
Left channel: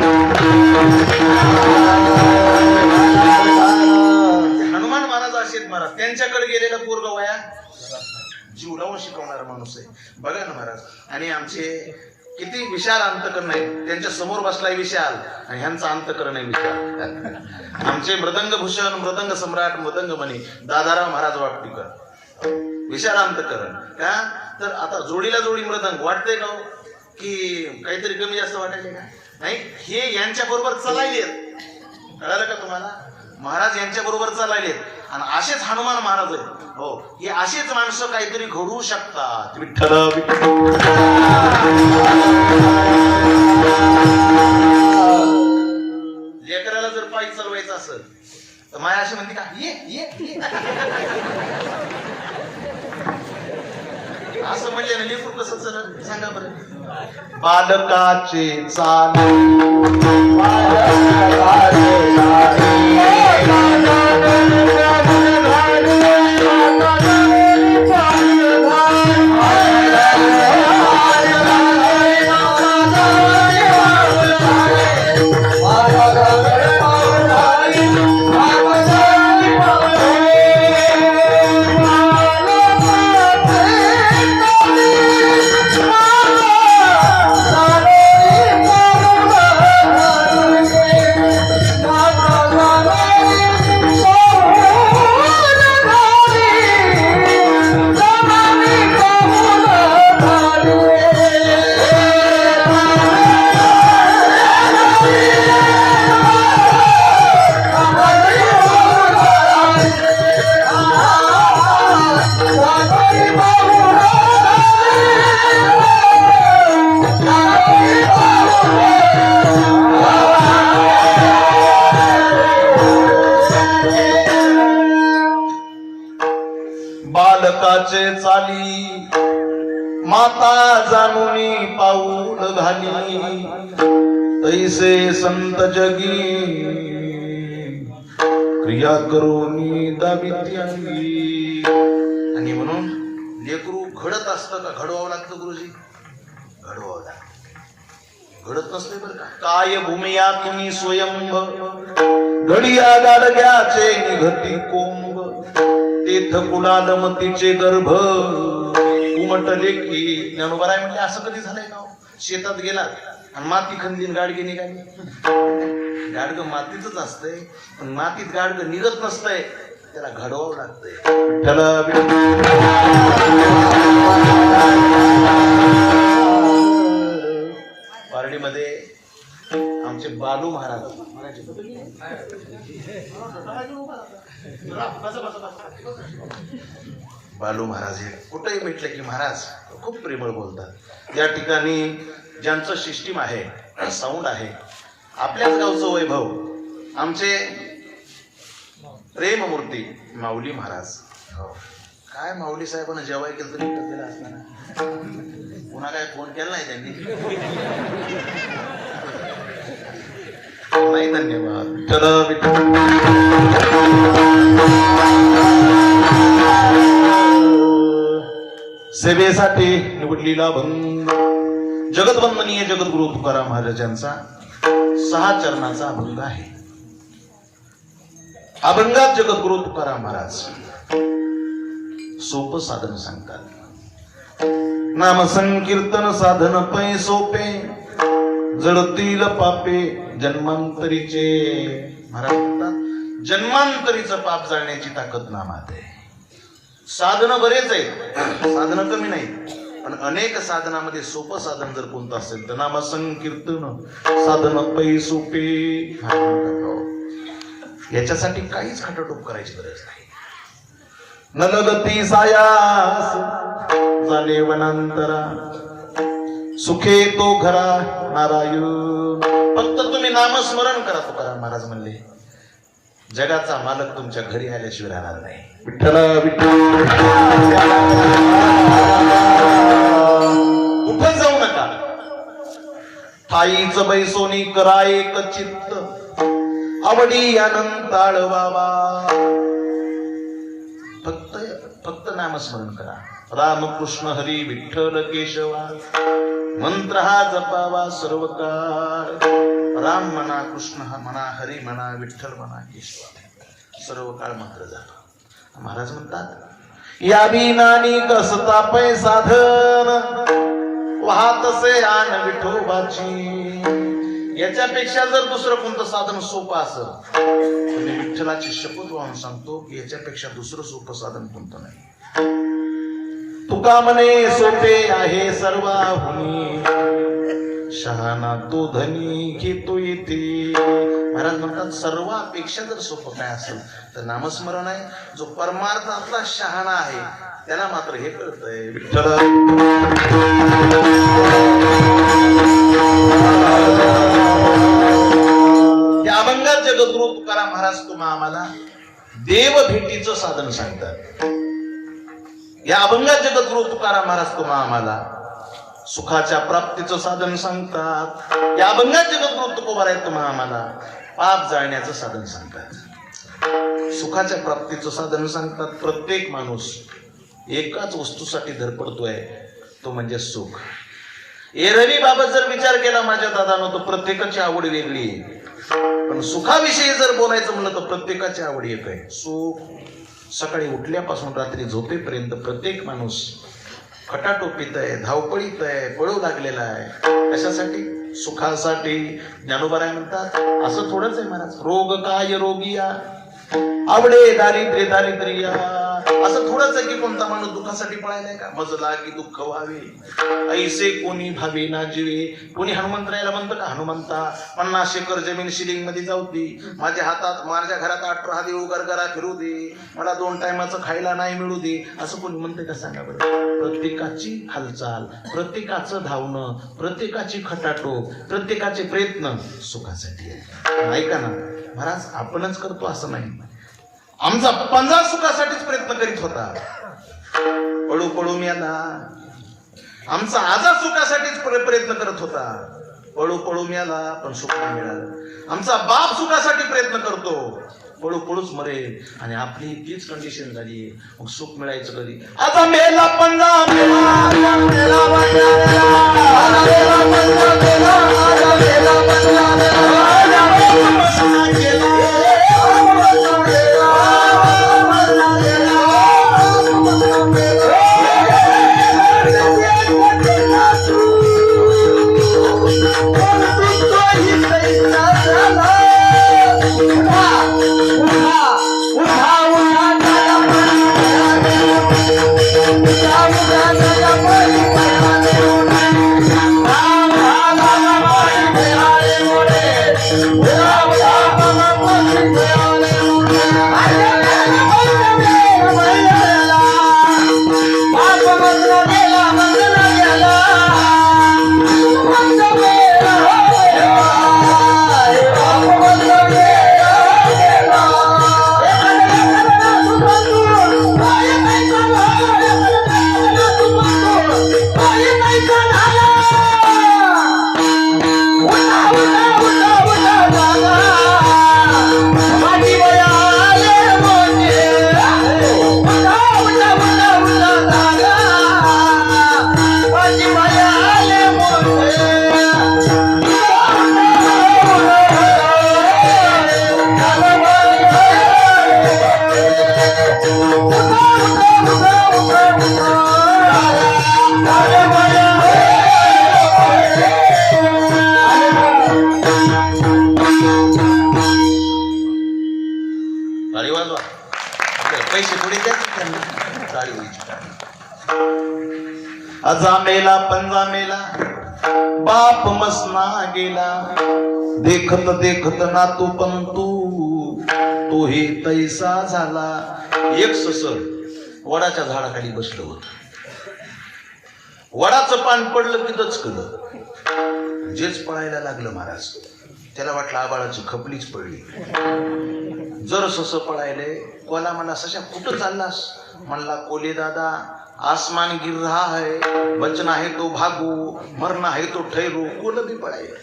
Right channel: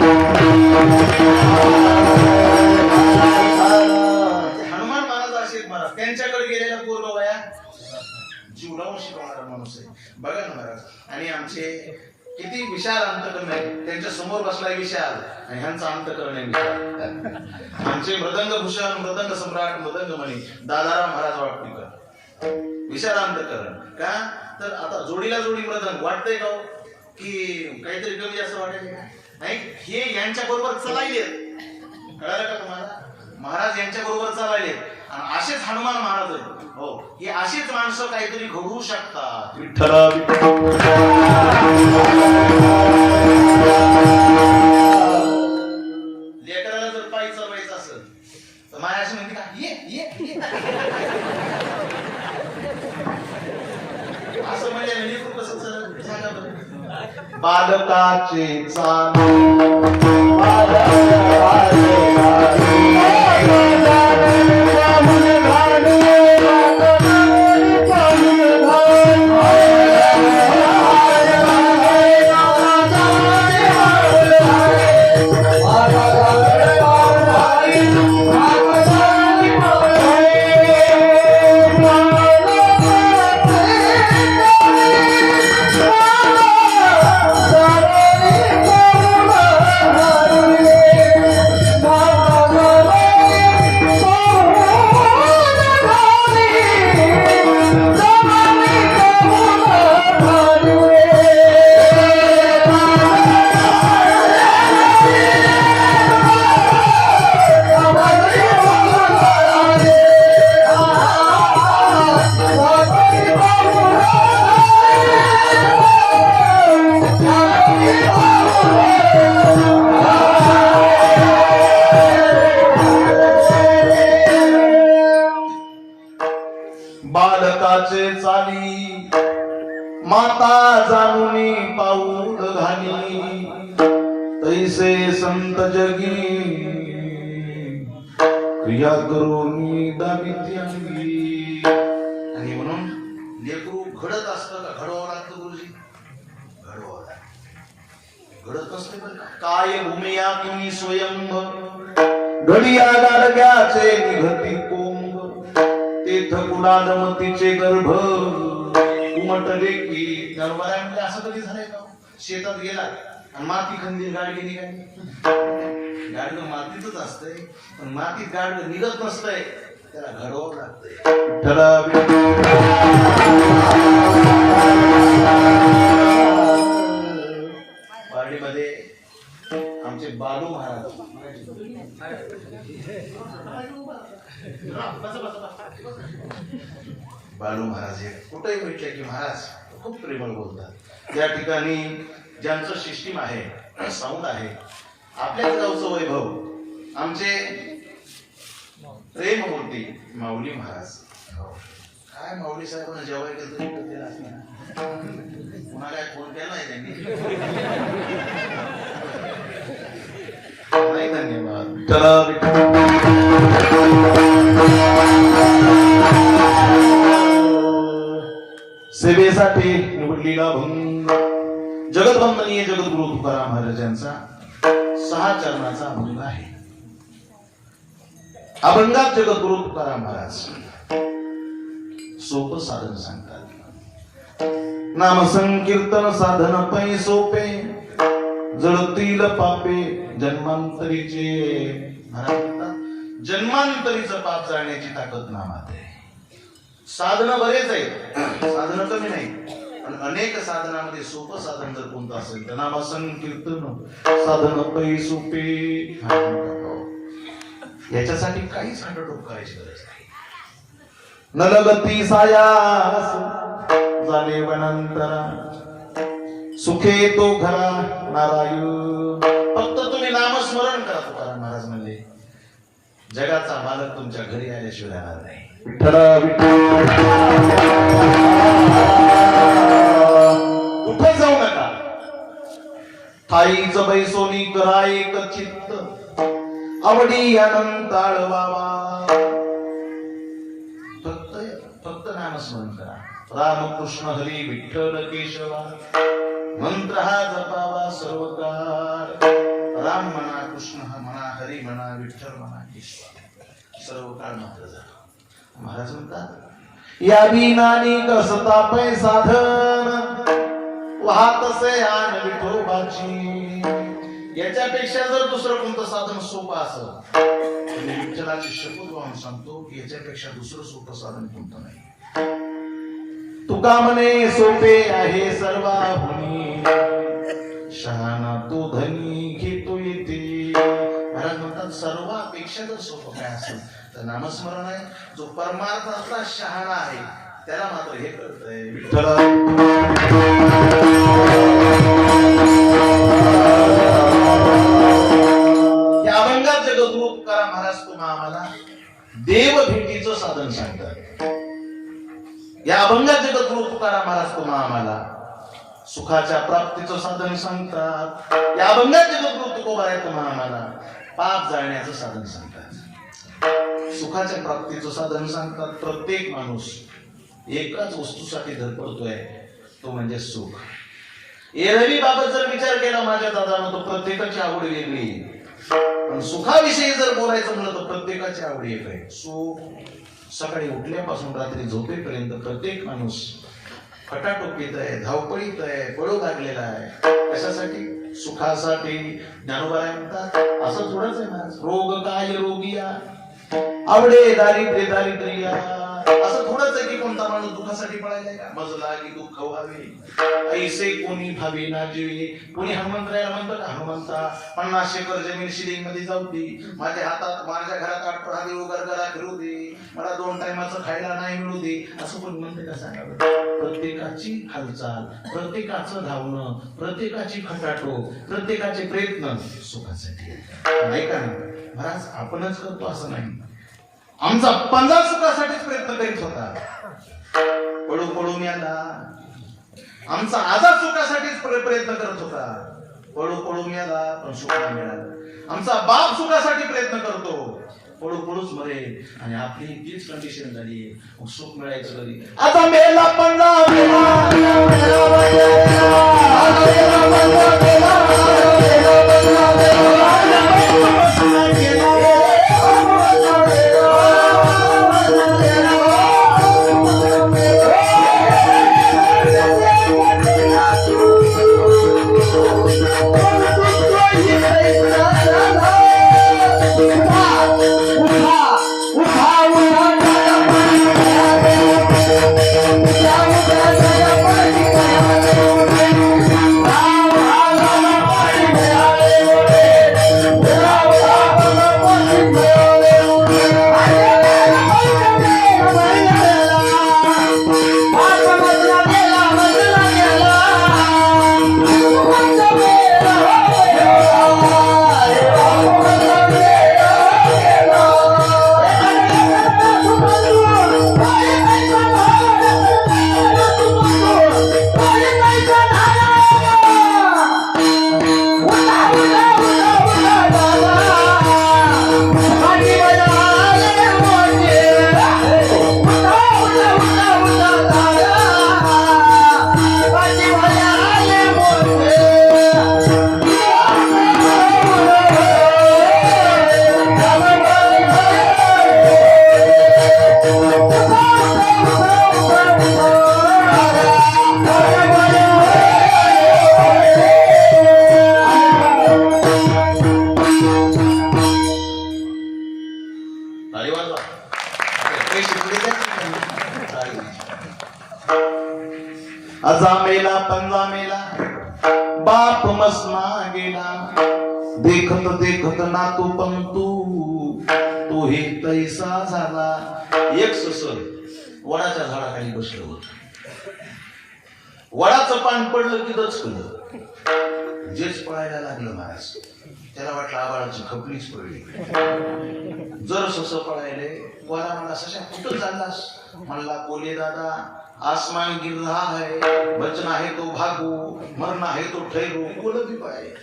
हनुमान महाराज असे आहेत महाराज. त्यांच्याकडे गेलेला पूर्व वया जीव लावून शिकवणारा माणूस आहे. बघा ना महाराज. आणि आमचे किती विशाल अंतकरण आहे. त्यांच्या समोर बसलाय विशाल आणि ह्यांचा अंतकरण आहे विशाल. आमचे मृदंग भूषण, मृदंग सम्राट, मृदंग मणी दादाराव महाराज वाटणीकर, विशाल अंतकरण. का तर आता जोडीला जोडी मृदंग वाटतंय का की काहीतरी कमी जास्त वाटायचे का? नाही, हे यांच्या बरोबर चालायलेत. कळालं का तुम्हाला? महाराज यांच्या बरोबर चालायलेत आणि असेच हनुमान महाराज आहेत. हो, हे असेच माणसं काहीतरी घडवू शकतात. विठ्ठल विठ्ठल. लेकराला जर पायी चालवायचं असेल तर माया अशी म्हणते का ये ये असं म्हणजे लेकरू कसं चलत सांगा बरं. बालकाचे चाल सुखाचे चाली माता जाणुनी पाऊल घाली तैसे संत जगी क्रिया करोनी दाविती अंगी. आणि म्हणून लेकरू घडत असतं का घडवावं लागतं गुरुजी? घडवावं लागतं. घडत नसते बरं का. काय भूमिया कुणी स्वयंभ घडिया गाडग्याचे निघती कोंब तेथ कुलालमतीचे गर्भ उमटले की. ज्ञानोबा म्हणजे असं कधी झालंय का? शेतात गेला आणि माती खंदीन गाडगे निघाली. गाडगं मातीतच असतंय पण मातीत गाडगं निघत नसतंय, त्याला घडवावं लागतंय. पारडीमध्ये आमचे बालू महाराज बालू महाराज हे कुठेही भेटले की महाराज खूप प्रेमळ बोलतात. या ठिकाणी ज्यांचं सिस्टीम आहे, साऊंड आहे, आपल्याच गावचं वैभव, आमचे प्रेममूर्ती माऊली महाराज. काय माऊली साहेबांना जेवाय केलं तरी केलं असणार, पुन्हा काय फोन केला नाही त्यांनी? नाही, धन्यवाद. सेवेसाठी निवडलेला भंग जगतवंदनीय जगद्गुरु तुकाराम महाराजांचा 6 चरणाचा अभंग आहे. अभंगात जगद्गुरु तुकाराम महाराज सोपं साधन सांगतात. नाम संकीर्तन साधन पै सोपे जळतील पापे जन्मांतरीचे. महाराज म्हणतात जन्मांतरीचं पाप जाळण्याची ताकद नामात आहे. साधनं बरेच आहेत, साधनं कमी नाही, पण अनेक साधनामध्ये सोपं साधन जर कोणतं असेल तर नाम संकीर्तन साधन पै सोपे. याच्यासाठी काहीच खटाटोप करायची गरज नाही. नलगती सायास झाले वनांतरा सुखे तो घरा नारायण. फक्त तुम्ही नामस्मरण करा. तुकाराम महाराज म्हणले जगाचा मालक तुमच्या घरी आल्याशिवाय राहणार नाही. विठ्ठल विठ्ठल कुठे जाऊ नका. ठाईच बैसोनी करा एक चित्त आवडी अनंत आळवावा. फक्त नामस्मरण करा. रामकृष्ण हरी विठ्ठल केशवा मंत्र हा जपावा सर्व काळ. राम म्हणा, कृष्ण म्हणा, हरी म्हणा, विठ्ठल म्हणा, केशवा सर्व काळ मंत्र जपा. महाराज म्हणतात या बिनानी कसता पै साधन वाहतसे आन विठोबाची. याच्यापेक्षा जर दुसरं कोणतं साधन सोपं असेल, विठ्ठलाची शपथ वाहून सांगतो की याच्यापेक्षा दुसरं सोपं साधन कोणतं नाही. तुका म्हणे सोपे आहे सर्वाहुनी शहाणा तो धनी घेतो येते. महाराज म्हणतात सर्वापेक्षा जर सोपं काय असेल तर नामस्मरण आहे. जो परमार्थातला शहाणा आहे त्याला मात्र हे कळतंय. विठ्ठल या अभंगात जगद्गुरु तुकाराम महाराज तुम्हा आम्हाला देव भेटीचं साधन सांगतात. या अभंगात जगद्गुरु तुकाराम महाराज तुम्हा आम्हाला सुखाच्या प्राप्तीचं साधन सांगतात. या अभंगात जगद्गुरु तुकोबाराय तुम्हा आम्हाला पाप जाळण्याचं साधन सांगतात. सुखाच्या प्राप्तीचं साधन सांगतात. प्रत्येक माणूस एकाच वस्तूसाठी धडपडतोय, तो म्हणजे सुख. एरवी बाबत जर विचार केला माझ्या दादानं तर प्रत्येकाची आवड वेगळी, पण सुखाविषयी जर बोलायचं म्हणलं तर प्रत्येकाची आवड एक आहे. सुख सकाळी उठल्यापासून रात्री झोपेपर्यंत प्रत्येक माणूस खटाटोपीत आहे, धावपळीत आहे, पळू लागलेला आहे. कशासाठी? सुखासाठी. ज्ञानोबा म्हणतात असं थोडंच आहे महाराज. रोग काय रोगिया आवडे दारिद्र्य दारिद्र्या. असं थोडंच आहे की कोणता माणूस दुःखासाठी पळायलाय का? मज लागी दुःख व्हावे ऐसे कोणी भावे ना जीवे. कोणी हनुमंतरायला म्हणतं का हनुमंता 50 एकर जमीन शिलिंग मध्ये जाऊ दे, माझ्या हातात माझ्या घरात 18 देऊ गरगरा फिरू दे, मला 2 टायमाचं खायला नाही मिळू दे, असं कोणी म्हणतं का? सांगा बरं. प्रत्येकाची हालचाल, प्रत्येकाचं धावणं, प्रत्येकाची खटाटोप, प्रत्येकाचे प्रयत्न सुखासाठी आहे. नाही का ना महाराज? आपणच करतो असं नाही. आमचा पंजा सुखासाठीच प्रयत्न करीत होता, पळू पळू मेला. आमचा आजार सुखासाठीच प्रयत्न करत होता, पळू पळू मेला, पण सुख नाही मिळालं. आमचा बाप सुखासाठी प्रयत्न करतो, पळू पळूच मरेल. आणि आपली तीच कंडिशन झाली, मग सुख मिळायचं कधी? आता मेला पंजा मेला, मेला पंजा पैसे पुढे अजा मेला पंजा मेला, बाप मसना गेला. देखत देखत नातू पंतू तो हे तैसा झाला. एक ससर वडाच्या झाडाखाली बसलं होत. वडाचं पान पडलं की दचकलं. जेच पळायला लागलं महाराज. त्याला वाटलं आबाळाची खपलीच पडली. जर सस पळायले, कोला म्हणला सशा कुठं चाललास? म्हणला कोले दादा आसमान गिर रहा है, बचना है तो भागो, मरना है तो ठहरो. कोल बी पळायले.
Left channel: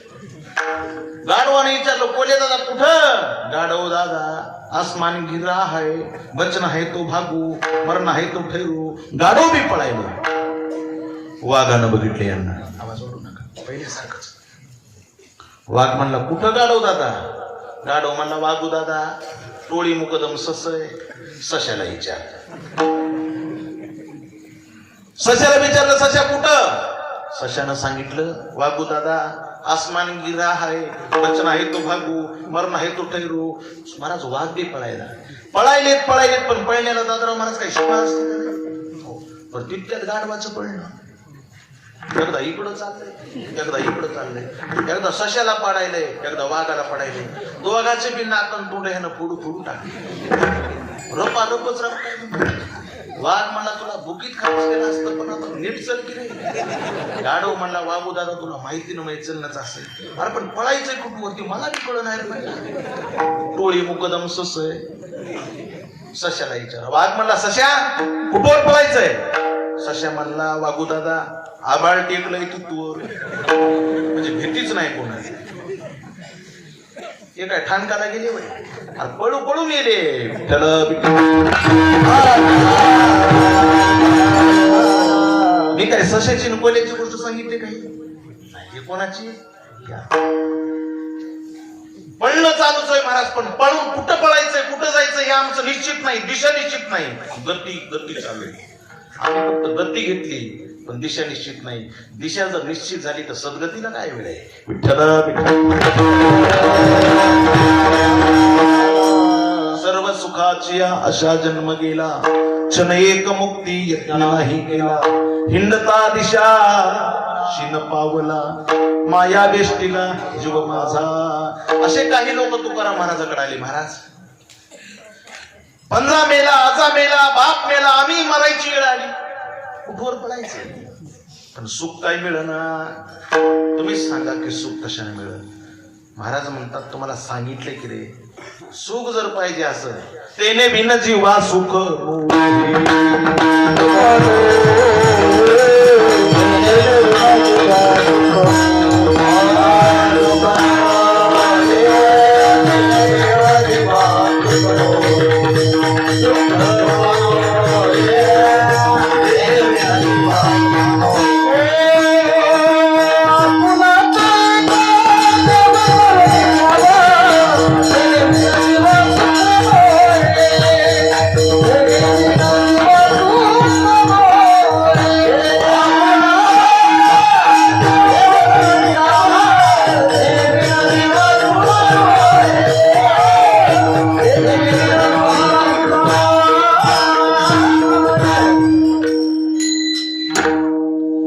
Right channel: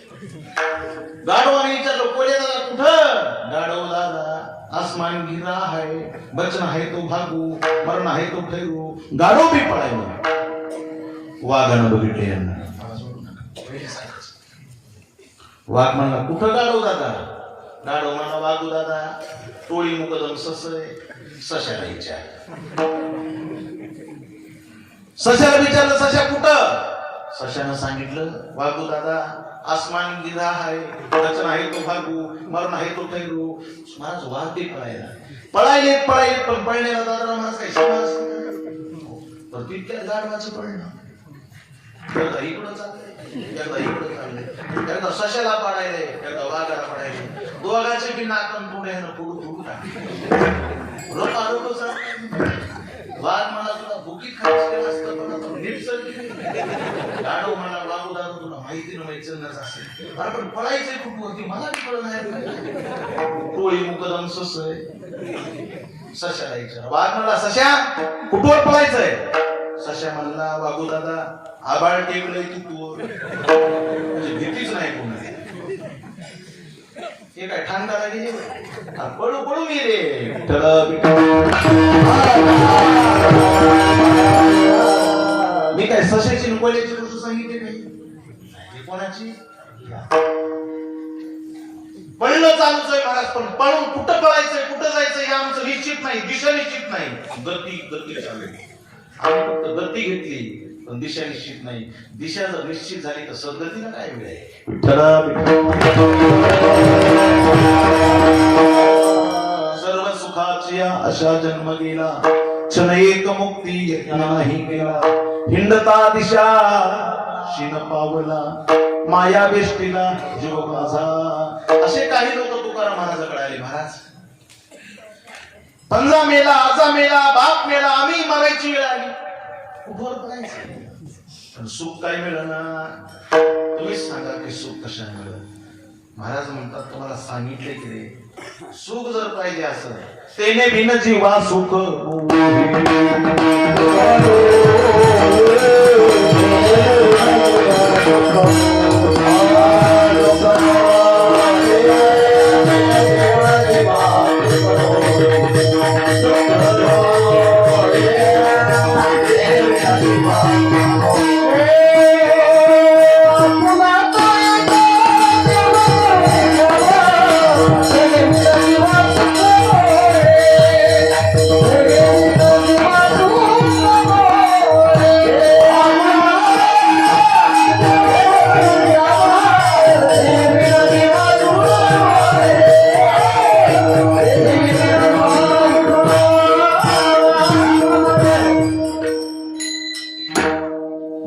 गाढवाने विचारलं कोले दादा कुठं? गाढव दादा आसमान गिर रहा है, बचना है तो भागो, मरना है तो ठहरो. गाढव बी पळायले. वाघानं बघितले यांना. आवाज वाढू नका, पहिल्यासारखंच. वाघ म्हणला कुठं गाढव दादा? गाढव म्हणला वाघू दादा टोळी मुकदम ससय. सशाला विचार. सशाला विचारलं सशा कुठं? सशानं सांगितलं वाघू दादा आसमान गिरा आहे, बचना आहे तो भागू, मरण आहे तो ठेरू. महाराज वाघ बी पळायला पळायलेत पण पळण्याला दादा महाराज काही शिकणार पण तितक्यात गाढवाचं पळणं. एकदा इकडं चाललंय, एकदा इकडं चाललंय. एकदा सशाला पडायले, एकदा वाघाला पडायले. दोघाचे बी नाकन पुढे पुढू पुढू टाकले. रोपा रोपच वाघ म्हणला तुला बुकीत खायचं केलं असतं पण आता नीट चल की नाही. गाढव म्हणला वाघू दादा तुला माहिती ना माहिती चलणंच असेल. अरे पण पळायचंय कुठं होती मला बी कळलं नाही. टोळी मुकदम सस सशाला विचारा. वाघ म्हणला सशा कुठवर पळायचंय? सशा म्हणला वाघू दादा आबाळ टेकलंय तू म्हणजे भीतीच नाही कोणाची. हे काय ठाणकाला गेले पळू पळू गेले. मी काय सशाची कोल्याची गोष्ट सांगितली नाही. कोणाची? पळणं चालूच आहे महाराज पण पळून कुठं पळायचंय कुठं जायचं हे आमचं निश्चित नाही, दिशा निश्चित नाही. गती चालू आहे. आम्ही फक्त गती घेतली पण दिशा निश्चित नाही. दिशा जर निश्चित झाली तर सद्गतीला काय वेळ आहे. सर्व सुखाची अशा जन्म गेला, क्षण एक मुक्ती यत्न नाही केला. हिंडता दिशा शिन पावला, माया वेष्टीला जीव माझा. असे काही लोक तुकाराम महाराजाकडे आले. महाराज पंजा मेला, आजा मेला, बाप मेला, आम्ही मरायची वेळ आली. कुठवर पडायचं पण सुख काय मिळणार? तुम्हीच सांगा की सुख कशाने मिळत. महाराज म्हणतात तुम्हाला सांगितले की रे सुख जर पाहिजे असं तेने बिन जीवा सुख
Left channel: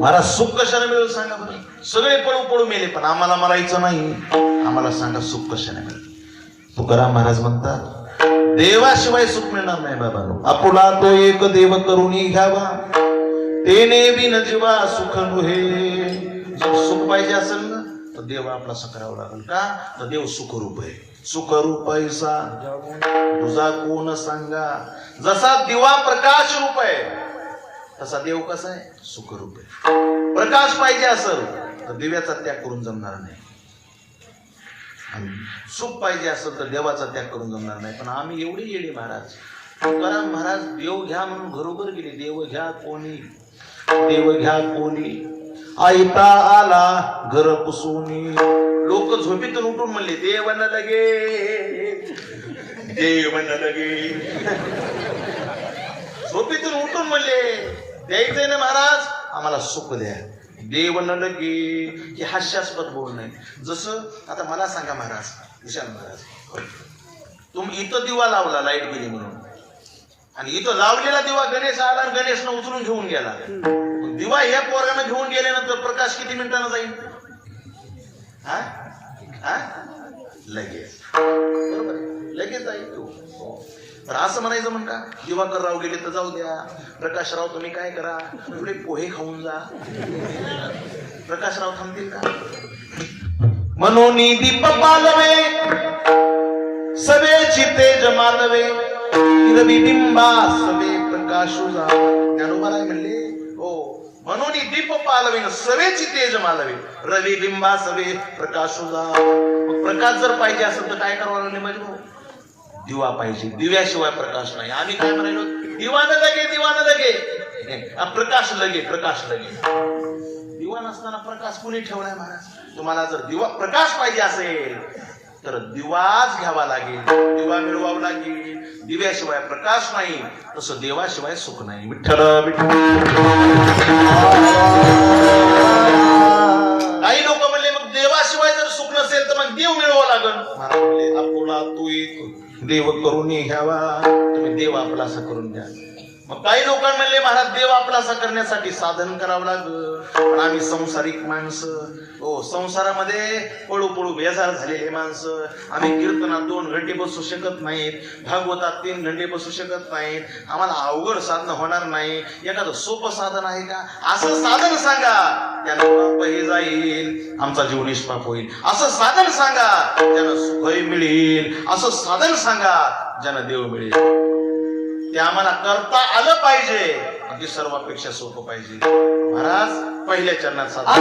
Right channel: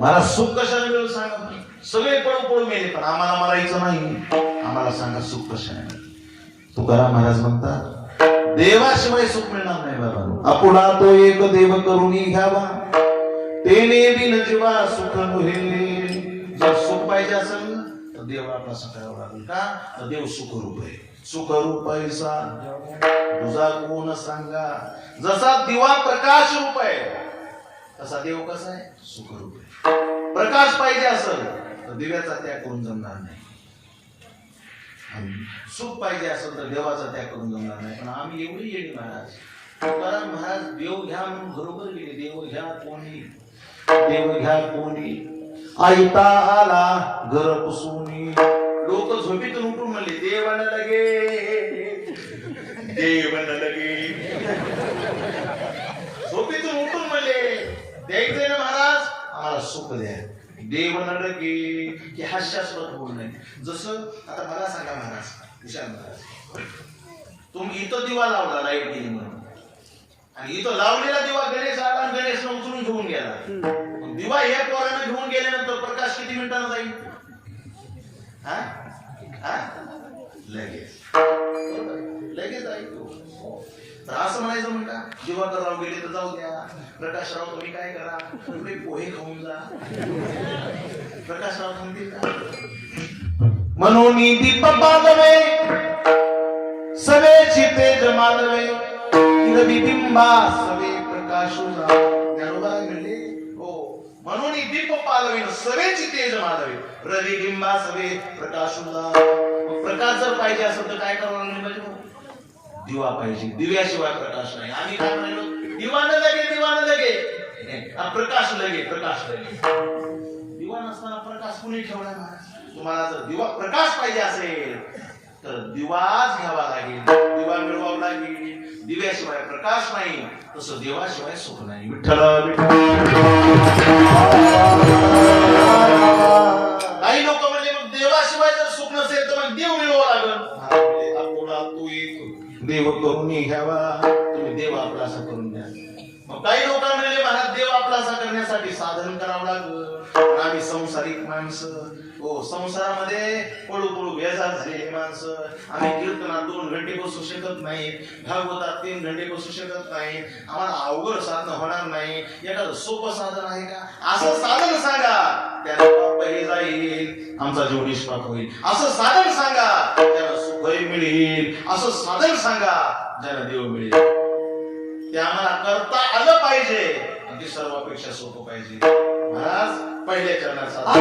मला सुख कशाने मिळेल सांगा बरं? सगळे पळू पळू मेले पण आम्हाला मरायचं नाही. आम्हाला सांगा सुख कशाने मिळेल? तुकाराम महाराज म्हणतात देवाशिवाय सुख मिळणार नाही बाबा. आपुला तो एक देव करुणी घ्यावा तेने बिन जीवा सुख नव्हे. जर सुख पाहिजे असेल ना तर देव आपला करावा लागेल का तर देव सुखरूप आहे. सुखरूप ऐसा तुझा कोण सांगा. जसा दिवा प्रकाश रूप आहे तसा देव कसा आहे सुखरूप आहे. प्रकाश पाहिजे असेल तर दिव्याचा त्याग करून जमणार नाही. सुख पाहिजे असेल तर देवाचा त्याग करून जमणार नाही. पण आम्ही एवढी येडी महाराज. तुकाराम महाराज देव घ्या म्हणून घरोघर गेले. देव घ्या कोणी देव घ्या कोणी आयता आला घर पुसूनी. लोक झोपेतून उठून म्हणले देव न लगे देव न लगे. झोपेतून उठून म्हणले द्यायचंय ना महाराज आम्हाला सुख द्या. देव न लगे की हास्यास्पद बोल नाही. जसं आता मला सांगा महाराज विशाल महाराज तुम्ही इथं दिवा लावला लाईट गेली म्हणून आणि इथं लावलेला दिवा गणेश आला आणि गणेशनं उचलून घेऊन गेला. दिवा या पोरानं घेऊन गेल्यानंतर प्रकाश किती मिनिटांना जाईल? हा हा लगेच बरोबर लगेच जाईल तो. तर असं म्हणायचं म्हणता दिवाकरराव गेले तर जाऊ द्या. प्रकाशराव तुम्ही काय करा थोडे पोहे खाऊन जा. प्रकाशराव थांबतील का? म्हणून दीप पालवे सवेची तेज मालवे रविबिंबा सवे प्रकाशू जा. ज्ञानोबा म्हणले हो म्हणून दीप पालवे सवेची तेज मालवे रविबिंबा सवे प्रकाशू जा. मग प्रकाश जर पाहिजे असेल तर काय करावं लागेल म्हणजे दिवा पाहिजे. दिव्याशिवाय प्रकाश नाही. आम्ही काय म्हणालो दिवा न लगे दिवा न लगे प्रकाश लगे प्रकाश लगे. दिवा नसताना प्रकाश कुणी ठेवलाय महाराज? तुम्हाला जर दिवा प्रकाश पाहिजे असेल तर दिवाच घ्यावा लागेल. दिवा मिळवावा लागेल. दिव्याशिवाय प्रकाश नाही तसं देवाशिवाय सुख नाही. विठ्ठल काही लोक म्हणले मग देवाशिवाय जर सुख नसेल तर मग देव मिळवावा लागेल. आपुला तू देव करून घ्यावा तुम्ही देव आपला असा करून द्या. मग काही लोक म्हणले महाराज देव आपला असा करण्यासाठी साधन करावं लागलं. आम्ही संसारिक माणसं हो संसारामध्ये पळू पळू बेजार झालेले माणसं. आम्ही कीर्तनात 2 घंटे बसू शकत नाहीत. भागवतात 3 घंटे बसू शकत नाहीत. आम्हाला अवघड साधन होणार नाही. एखादं सोपं साधन आहे का? असं साधन सांगा त्याला पाप जाईल आमचा जीव निष्पाप होईल. असं साधन सांगा त्याला सुखही मिळेल. असं साधन सांगा ज्यानं देव मिळेल. ते आम्हाला करता आलं पाहिजे. ते सर्वापेक्षा सोपं पाहिजे. महाराज पहिल्या चरणात साधन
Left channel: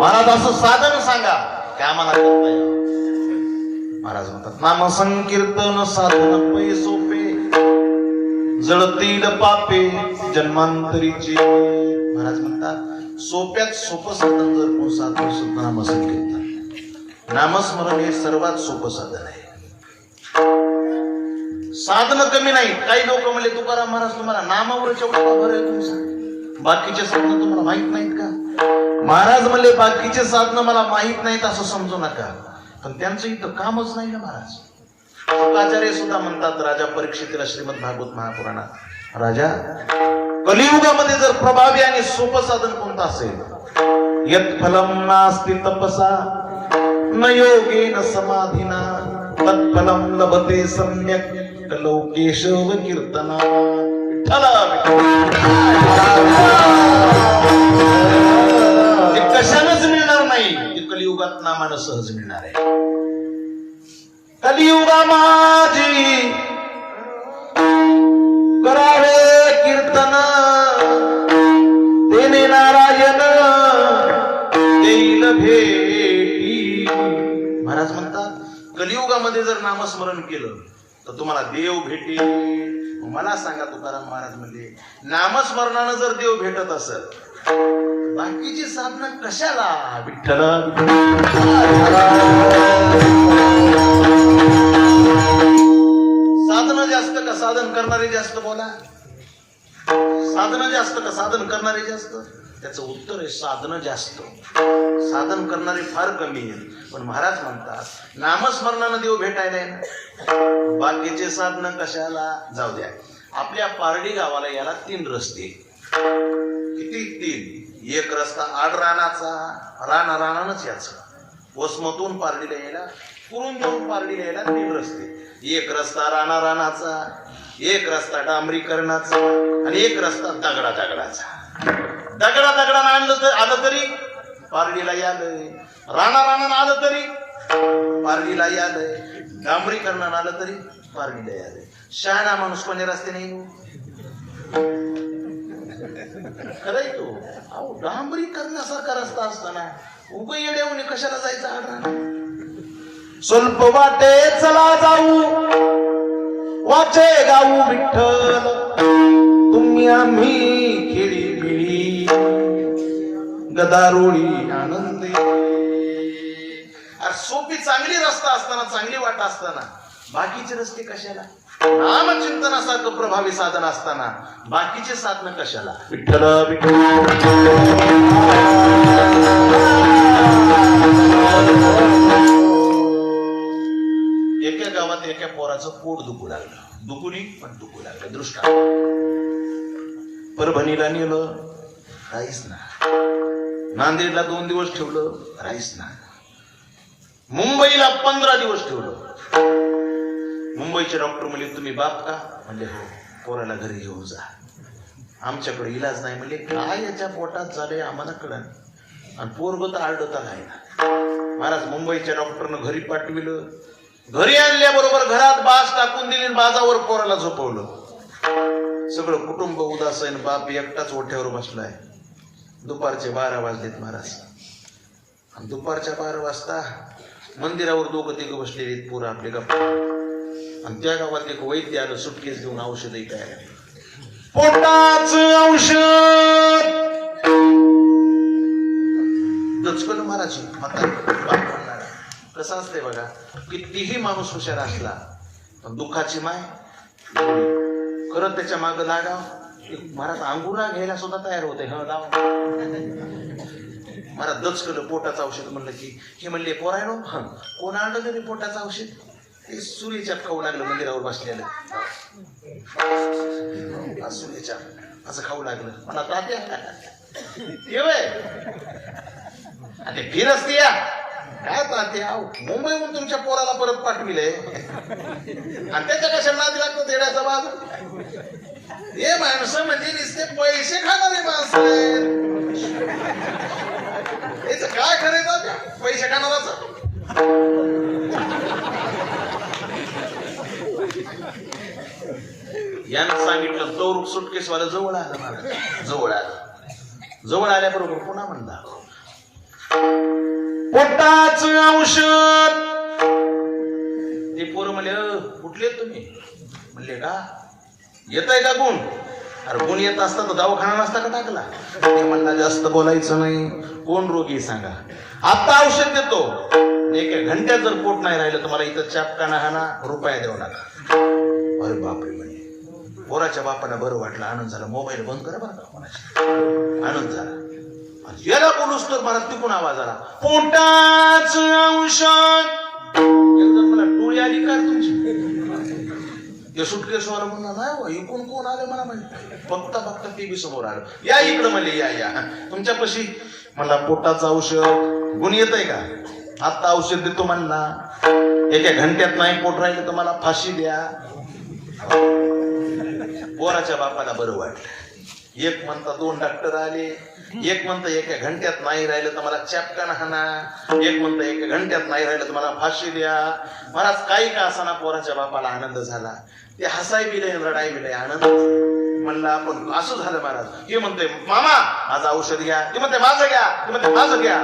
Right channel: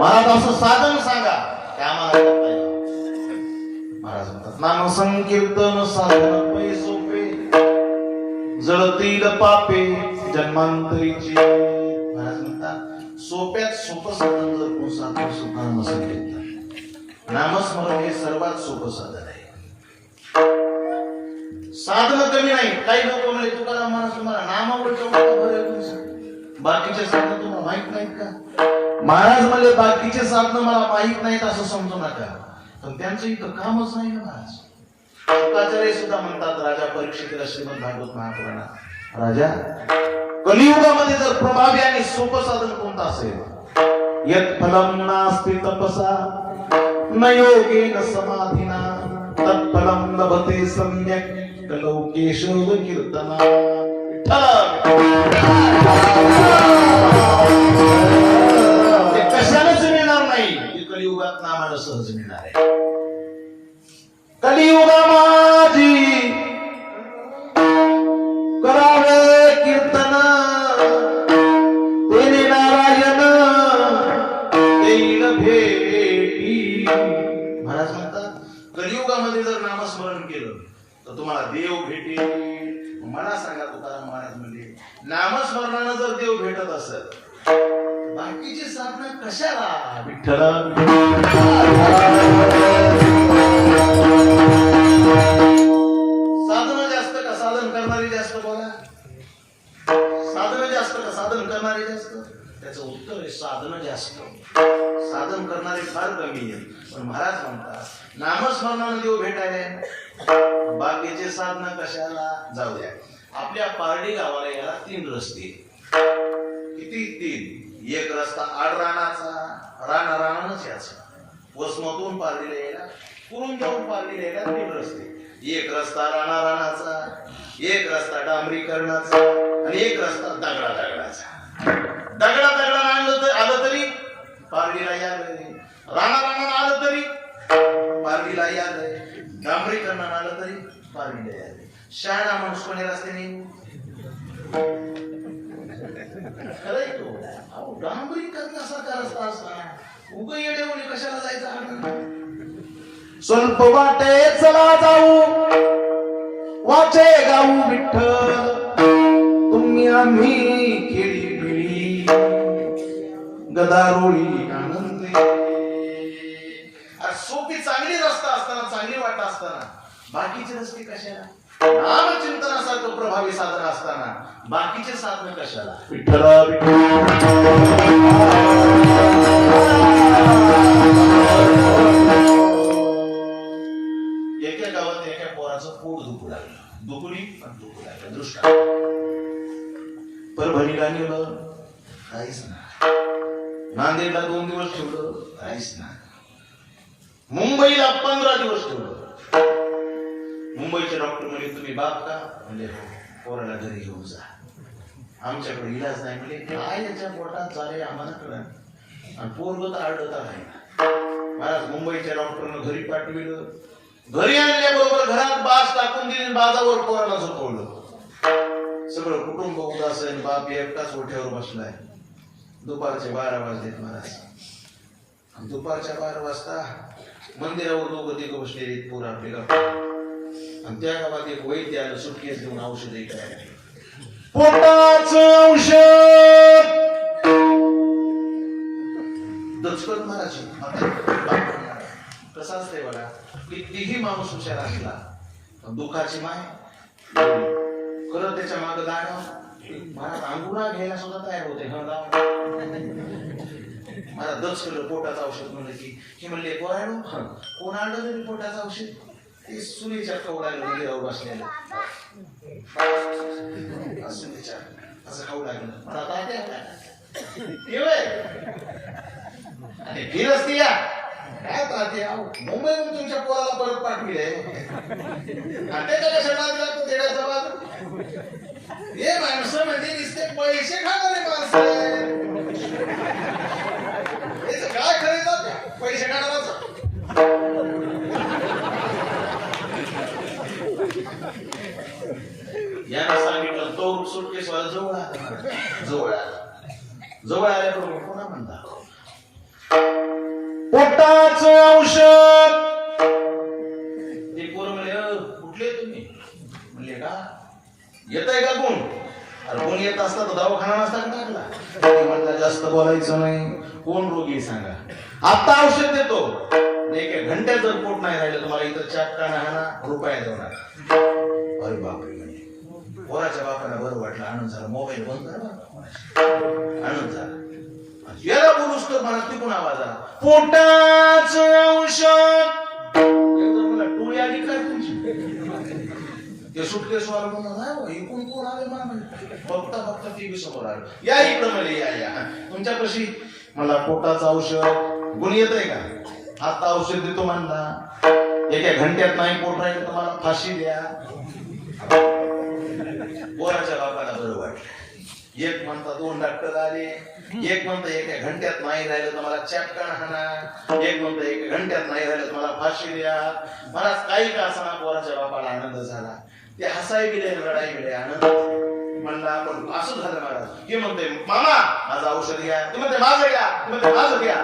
महाराज असं साधन सांगा की आम्हाला करता येईल. महाराज म्हणतात नाम संकीर्तन साधन पै सोपे जळतील पापे जन्मांतरीचे. महाराज म्हणतात सोप्यात सोपं साधन जर कोण साधन सुद्धा नामसंकीर्तन नामस्मरण हे सर्वात सोपं साधन आहे. साधन कमी नाही. काही लोक म्हणले तुकाराम महाराज तुम्हाला नामावरच्या बरं आहे तुमचं बाकीचे साधन तुम्हाला माहित नाहीत का. महाराज म्हणले बाकीचे साधनं मला माहित नाहीत असं समजू नका पण त्यांचं इथं कामच नाही ना महाराज. शुकाचार्य सुद्धा म्हणतात राजा परीक्षितीला श्रीमद भागवत महापुराणात राजा कलियुगामध्ये जर प्रभावी आणि सोपं साधन कोणतं असेल यत् फलम नास्ति तपसा न योगेन समाधिना तत्फलम लभते सम्यक लोकेशव कीर्तना. ते कशालाच मिळणार नाही. ते कलियुगात नामानं सहज मिळणार आहे. कलियुगा माझी करावे कीर्तन तेने नारायण देईल भेटी. महाराज म्हणतात कलियुगामध्ये जर नामस्मरण केलं तर तुम्हाला देव भेटेल. मला सांगा तुकाराम महाराज म्हणजे नामस्मरणानं जर देव भेटत असेल बाकीची साधना कशाला. विठ्ठल साधन जास्त का साधन करणारे जास्त. बोला साधन जास्त का साधन करणारे जास्त. त्याचं उत्तर आहे साधन जास्त साधन करणारे फार कमी आहे. पण महाराज म्हणतात नामस्मरणानं देव भेटायला आहे बाकीचे साधन कशाला. जाऊ द्या आपल्या पारडी गावाला याला 3 रस्ते. किती 3. एक रस्ता आडरानाचा रानारानानच याचा वसमतून पारडीला यायला कुरून जाऊन पारडीला यायला 3 रस्ते. एक रस्ता रानारानाचा एक रस्ता डांबरीकरणाचा आणि एक रस्ता दगडा दगडाचा. दगडा दगडाला आलं तरी पारडीला यालंय. रानारानानं आलं तरी पारडीला यालंय. डांबरीकरणानं आलं तरी पारडीला यालंय. शहाणा माणूस कोणी रस्ते नाही खरंय तो. अहो डांबरीकरणासारखा रस्ता असताना उग येड्यावणी कशाला जायचं. स्वल्प वाटे चला जाऊ वाचे गाऊ विठ्ठल तुम्ही आम्ही खेळी बिळी गदारोळी आनंदी. सोपी चांगली रस्ता असताना चांगली वाट असताना बाकीचे रस्ते कशाला. नामचिंतनासारखं प्रभावी साधन असताना बाकीचे साधन कशाला. विठ्ठल एका गावात एका पोराचं पोट दुखू लागलं. दुखुनी पण दुखू लागलं. दृष्टा परभणीला नेलं राहीच ना. नांदेडला 2 दिवस ठेवलं राहीच ना. मुंबईला 15 दिवस ठेवलं. मुंबईचे डॉक्टर म्हणजे तुम्ही बाप का म्हणजे पोराला घरी घेऊन जा आमच्याकडे इलाज नाही. म्हणजे काय याच्या पोटात झाले आम्हाला कळलं आणि पोरग तर आडत आहे ना. महाराज मुंबईच्या डॉक्टरनं घरी पाठविलं. घरी आणल्याबरोबर घरात बास टाकून दिली बाजावर पोराला झोपवलं. सगळं कुटुंब उदास आहे, बाप एकटाच ओठ्यावर बसलाय. दुपारचे 12 वाजलेत महाराज. आणि दुपारच्या 12 वाजता मंदिरावर दोघं तिघं बसलेले पोरं आपले गप्पा. आणि त्या गावात एक वैद्य आलं सुटकेस घेऊन औषध ऐकायला. पोटाचं औषध दचकन महाराज. कसं असतंय बघा, कितीही माणूस हुशार असला पण दुःखाची माय करत त्याच्या मागं लागा. महाराज अंगुरा घ्यायला सुद्धा तयार होते. मला दचकलं पोटाचं औषध म्हणलं की हे म्हणले पोरायनो कोण आणलं तरी पोटाचं औषध. ते सुरीच्या खाऊ लागलं मंदिरावर बसलेलं. सुरीच्या असं खाऊ लागलं. मला आणि फिरच ते काय ताते मुंबईहून तुमच्या पोराला परत पाठविले आणि त्याच्या कशा नादी लागतो तेड्याचा बाज. हे माणसं म्हणजे नुसते पैसे खाणारे माणसं. काय खरेदी पैसे खाणारच. यानं सांगितलं तो सुटकेसवाला जवळ आलं मला. जवळ आल्याबरोबर पुन्हा म्हणला पोटाचं औषध. ते पोरं म्हणले कुठले तुम्ही? म्हणले का येत आहे का गुण? अरे गुण येत असता तर दवाखाना नसता का टाकला? ते म्हणला जास्त बोलायचं नाही. कोण रोगी सांगा, आता औषध देतो. एका घंट्यात जर पोट नाही राहिलं तर मला इथं चापकाना हाना रुपया देऊ नका. अरे बापरे म्हणे. पोराच्या बापाला बरं वाटलं. आनंद झाला. मोबाईल बंद करा बरं. आनंद झाला. याला बोलूस तर मला तिकून आवाज आला पोटाचं औषध. एकदम मला टोळी आली काय तुमची? ते सुटकेसवाला म्हणला नाही इकडून कोण आले मला माहिती. बघता टीव्ही समोर आलं. या इकडं मला या तुमच्यापाशी. मला पोटाचं औषध गुण येत आहे का? आता औषध देतो म्हणला. एका घंट्यात नाही पोट राहिलं तर मला फाशी द्या. पोराच्या बापाला बरं वाटलं. एक म्हणता 2 डॉक्टर आले. एक म्हणता एका घंट्यात नाही राहिलं तर मला चॅपकान हाना. एक म्हणता एका घंट्यात नाही राहिलं तर मला फाशी द्या. मला काही का असाना पोराच्या बापाला आनंद झाला. ते हसाय बिले रडाय बिले आनंद म्हणला. आपण असं झालं महाराज. हे म्हणते मामा माझं औषध घ्या. ते म्हणते माझं घ्या. ते म्हणते माझं घ्या.